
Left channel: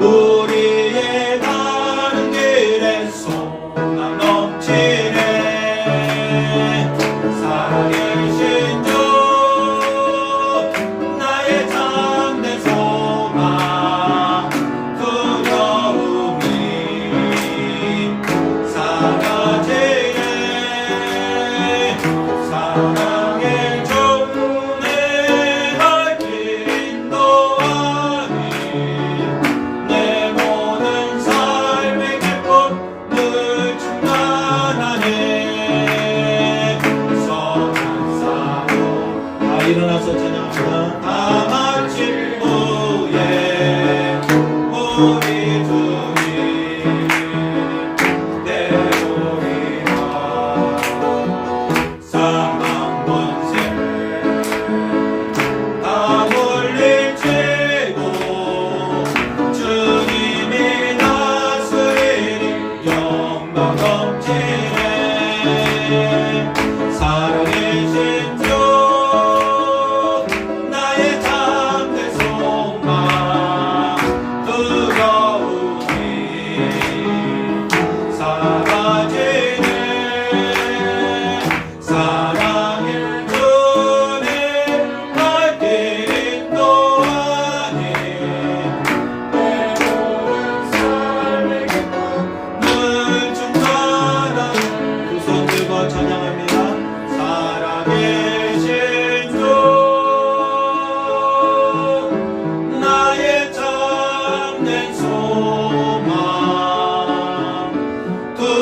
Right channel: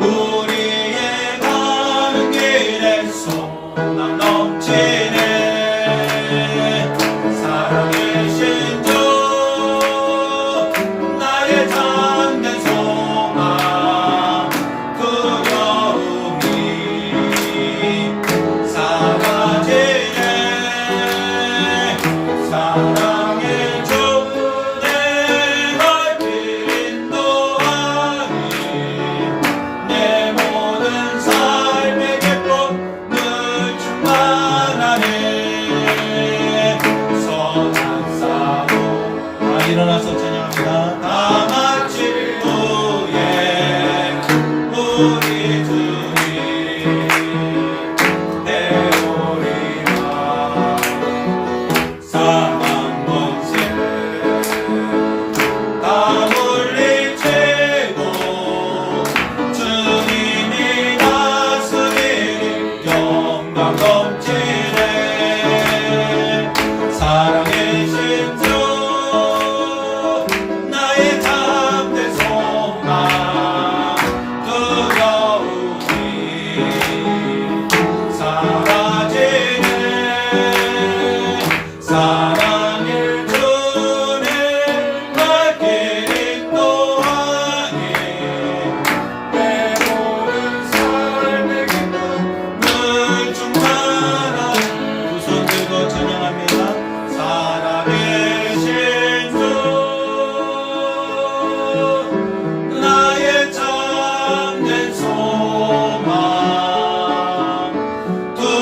우리의 가는 길에 소망 넘치네. 살아계신 주 나의 참된 소망 두려움이 사라지네. 사랑의 주 내 갈 길 인도하니 내 모든 삶의 기쁨 늘 충만하네. 선한 싸움 다 일어나서 찬양합니다. 다 마친 후에 우리 주님 배우리라. 사망 권세 다 물리치고 주님이 다스리니 영광 넘치네. 살아계신 주 나의 참된 소망 두려움이 사라지네. 사랑의 주님 갈 길 인도하니 내 모든 삶의 기쁨 늘 충만한. 두 손 들고 찬양합니다. 살아계신 주 나의 참된 소망 두려움이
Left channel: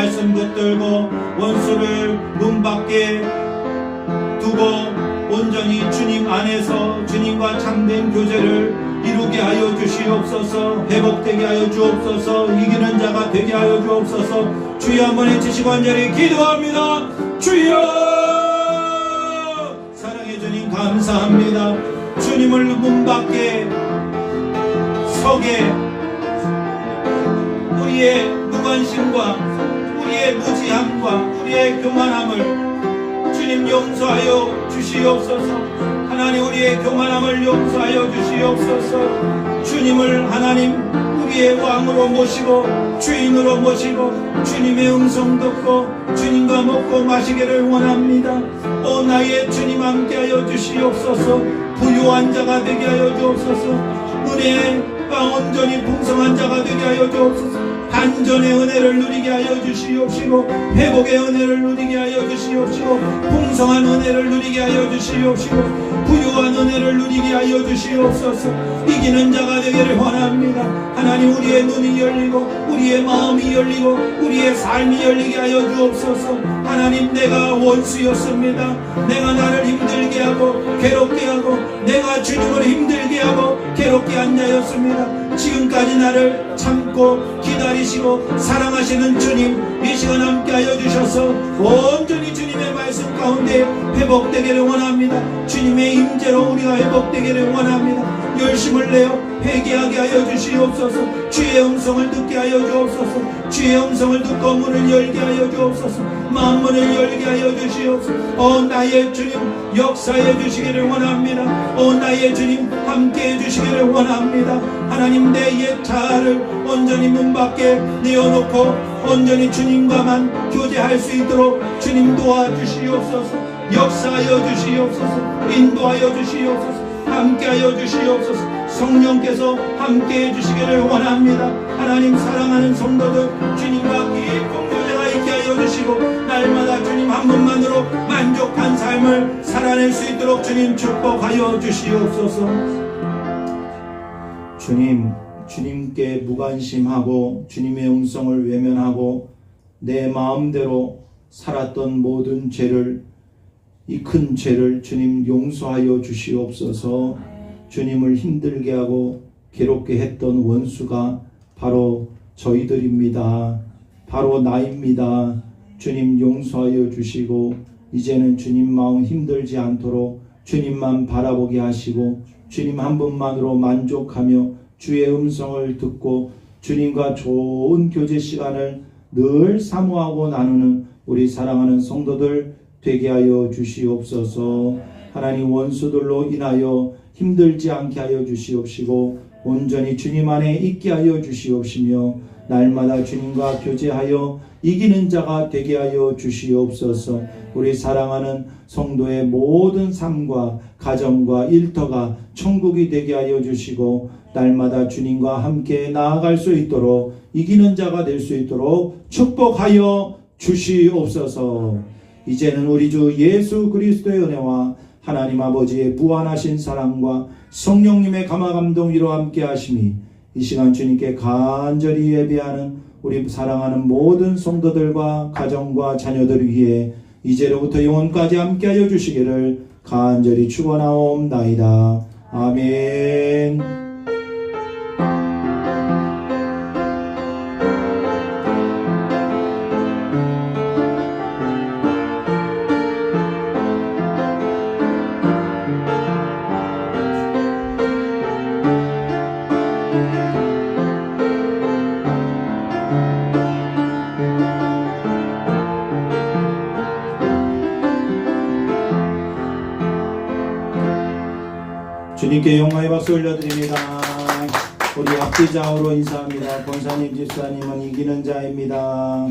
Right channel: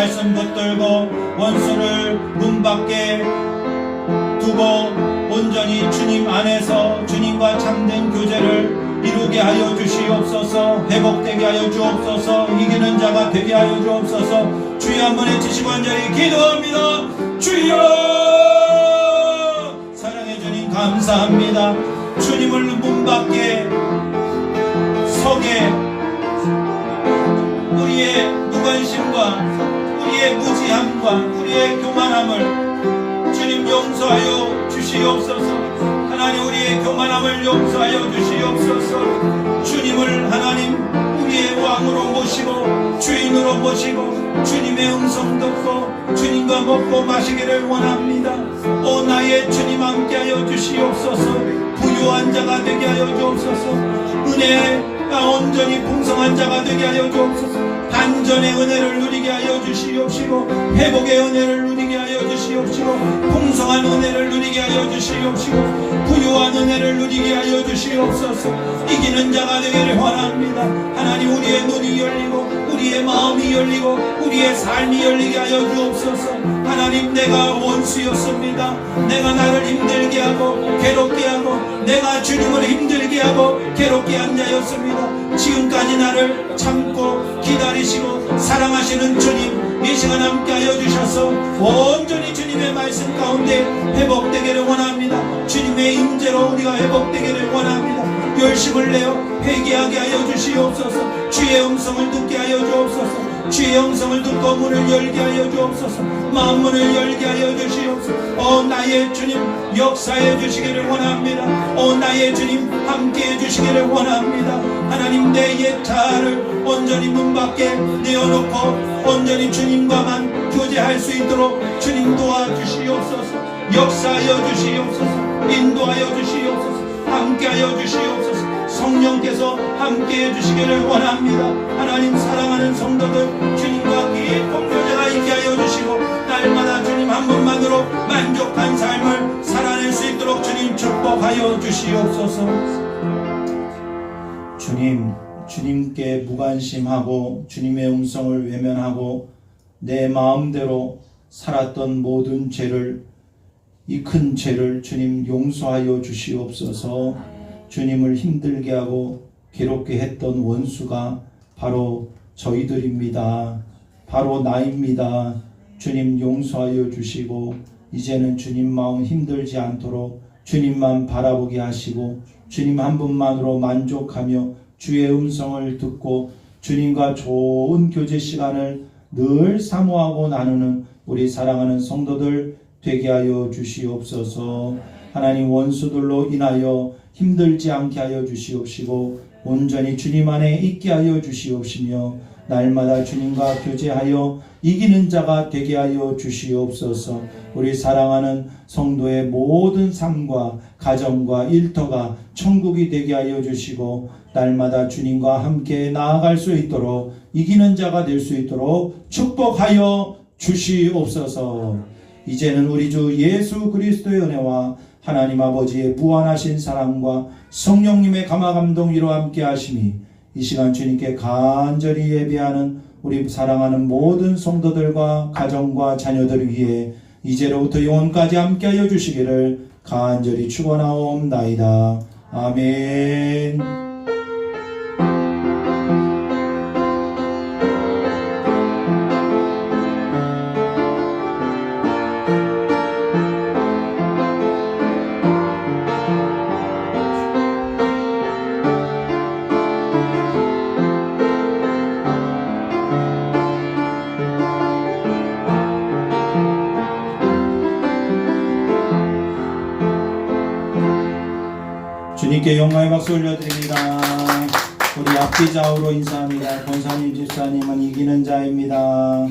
말씀 붙들고 원수를 문 밖에 두고 온전히 주님 안에서 주님과 참된 교제를 이루게 하여 주시옵소서. 회복되게 하여 주옵소서. 이기는 자가 되게 하여 주옵소서. 주여 한번 외치시고 간절히 기도합니다. 주여, 사랑의 주님 감사합니다. 주님을 문 밖에 서게 우리의 무관심과 우리의 무지함과 우리의 교만함을 주님 용서하여 주시옵소서. 하나님 우리의 교만함을 용서하여 주시옵소서. 주님을 하나님 우리의 왕으로 모시고 주인으로 모시고 주님의 음성 듣고 주님과 먹고 마시기를 원합니다. 오 나의 주님 함께하여 주시옵소서. 부유한 자가 되게 하여 주옵소서. 은혜가 온전히 풍성한 자가 되게 하여 주옵소서. 반전의 은혜를 누리게 하여 주시옵시고 회복의 은혜를 누리게 하여 주시옵시고 풍성한 은혜를 누리게 하여 주시옵시고 부유한 은혜를 누리게 하여 주시옵소서. 이기는 자가 되기를 원합니다. 하나님 우리의 눈이 열리고 우리의 마음이 열리고 우리의 삶이 열리게 하여 주옵소서. 하나님 내가 원수였습니다. 내가 나를 힘들게 하고 괴롭게 하고 내가 주님을 힘들게 하고 괴롭게 한 자였습니다. 지금까지 나를 참고 기다리시고 사랑하시는 주님 이 시간 함께하여 주셔서 온전히 주님의 말씀 가운데 회복되기를 원합니다. 주님의 임재로 우리가 회복되기를 원합니다. 열심을 내어 회개하게 하여 주시옵소서. 주의 음성을 듣게 하여 주옵소서. 주의 음성을 듣고 문을 열게 하여 주옵소서. 마음문을 열게 하여 주시옵소서. 나의 주님 역사해 주시기를 원합니다. 나의 주님 함께해 주시기를 원합니다. 하나님 내 옛 자아를 온전히 문 밖에 내어놓고 온전히 주님과만 교제할 수 있도록 주님 도와주시옵소서. 역사하여 주시옵소서. 인도하여 주시옵소서. 함께하여 주시옵소서. 성령께서 함께해 주시기를 원합니다. 하나님 사랑하는 성도들 주님과 깊은 교제가 있게 하여 주시고 날마다 주님 한 분만으로 만족한 삶을 살아낼 수 있도록 주님 축복하여 주시옵소서. 주님께 무관심하고 주님의 음성을 외면하고 내 마음대로 살았던 모든 죄를 이 큰 죄를 주님 용서하여 주시옵소서. 주님을 힘들게 하고 괴롭게 했던 원수가 바로 저희들입니다. 바로 나입니다. 주님 용서하여 주시고 이제는 주님 마음 힘들지 않도록 주님만 바라보게 하시고 주님 한 분만으로 만족하며 주의 음성을 듣고 주님과 좋은 교제 시간을 늘 사모하고 나누는 우리 사랑하는 성도들 되게 하여 주시옵소서. 하나님 원수들로 인하여 힘들지 않게 하여 주시옵시고 온전히 주님 안에 있게 하여 주시옵시며 날마다 주님과 교제하여 이기는 자가 되게 하여 주시옵소서. 우리 사랑하는 성도의 모든 삶과 가정과 일터가 천국이 되게 하여 주시고 날마다 주님과 함께 나아갈 수 있도록 이기는 자가 될 수 있도록 축복하여 주시옵소서. 이제는 우리 주 예수 그리스도의 은혜와 하나님 아버지의 무한하신 사랑과 성령님의 감화감동 위로 함께 하심이 이 시간 주님께 간절히 예비하는 우리 사랑하는 모든 성도들과 가정과 자녀들 위해 이제로부터 영원까지 함께하여 주시기를 간절히 축원하옵나이다. 아멘. 주님께 영광의 박수 올려드립니다. 우리 앞뒤 좌우로 인사합니다. 권사님 집사님은 이기는 자입니다.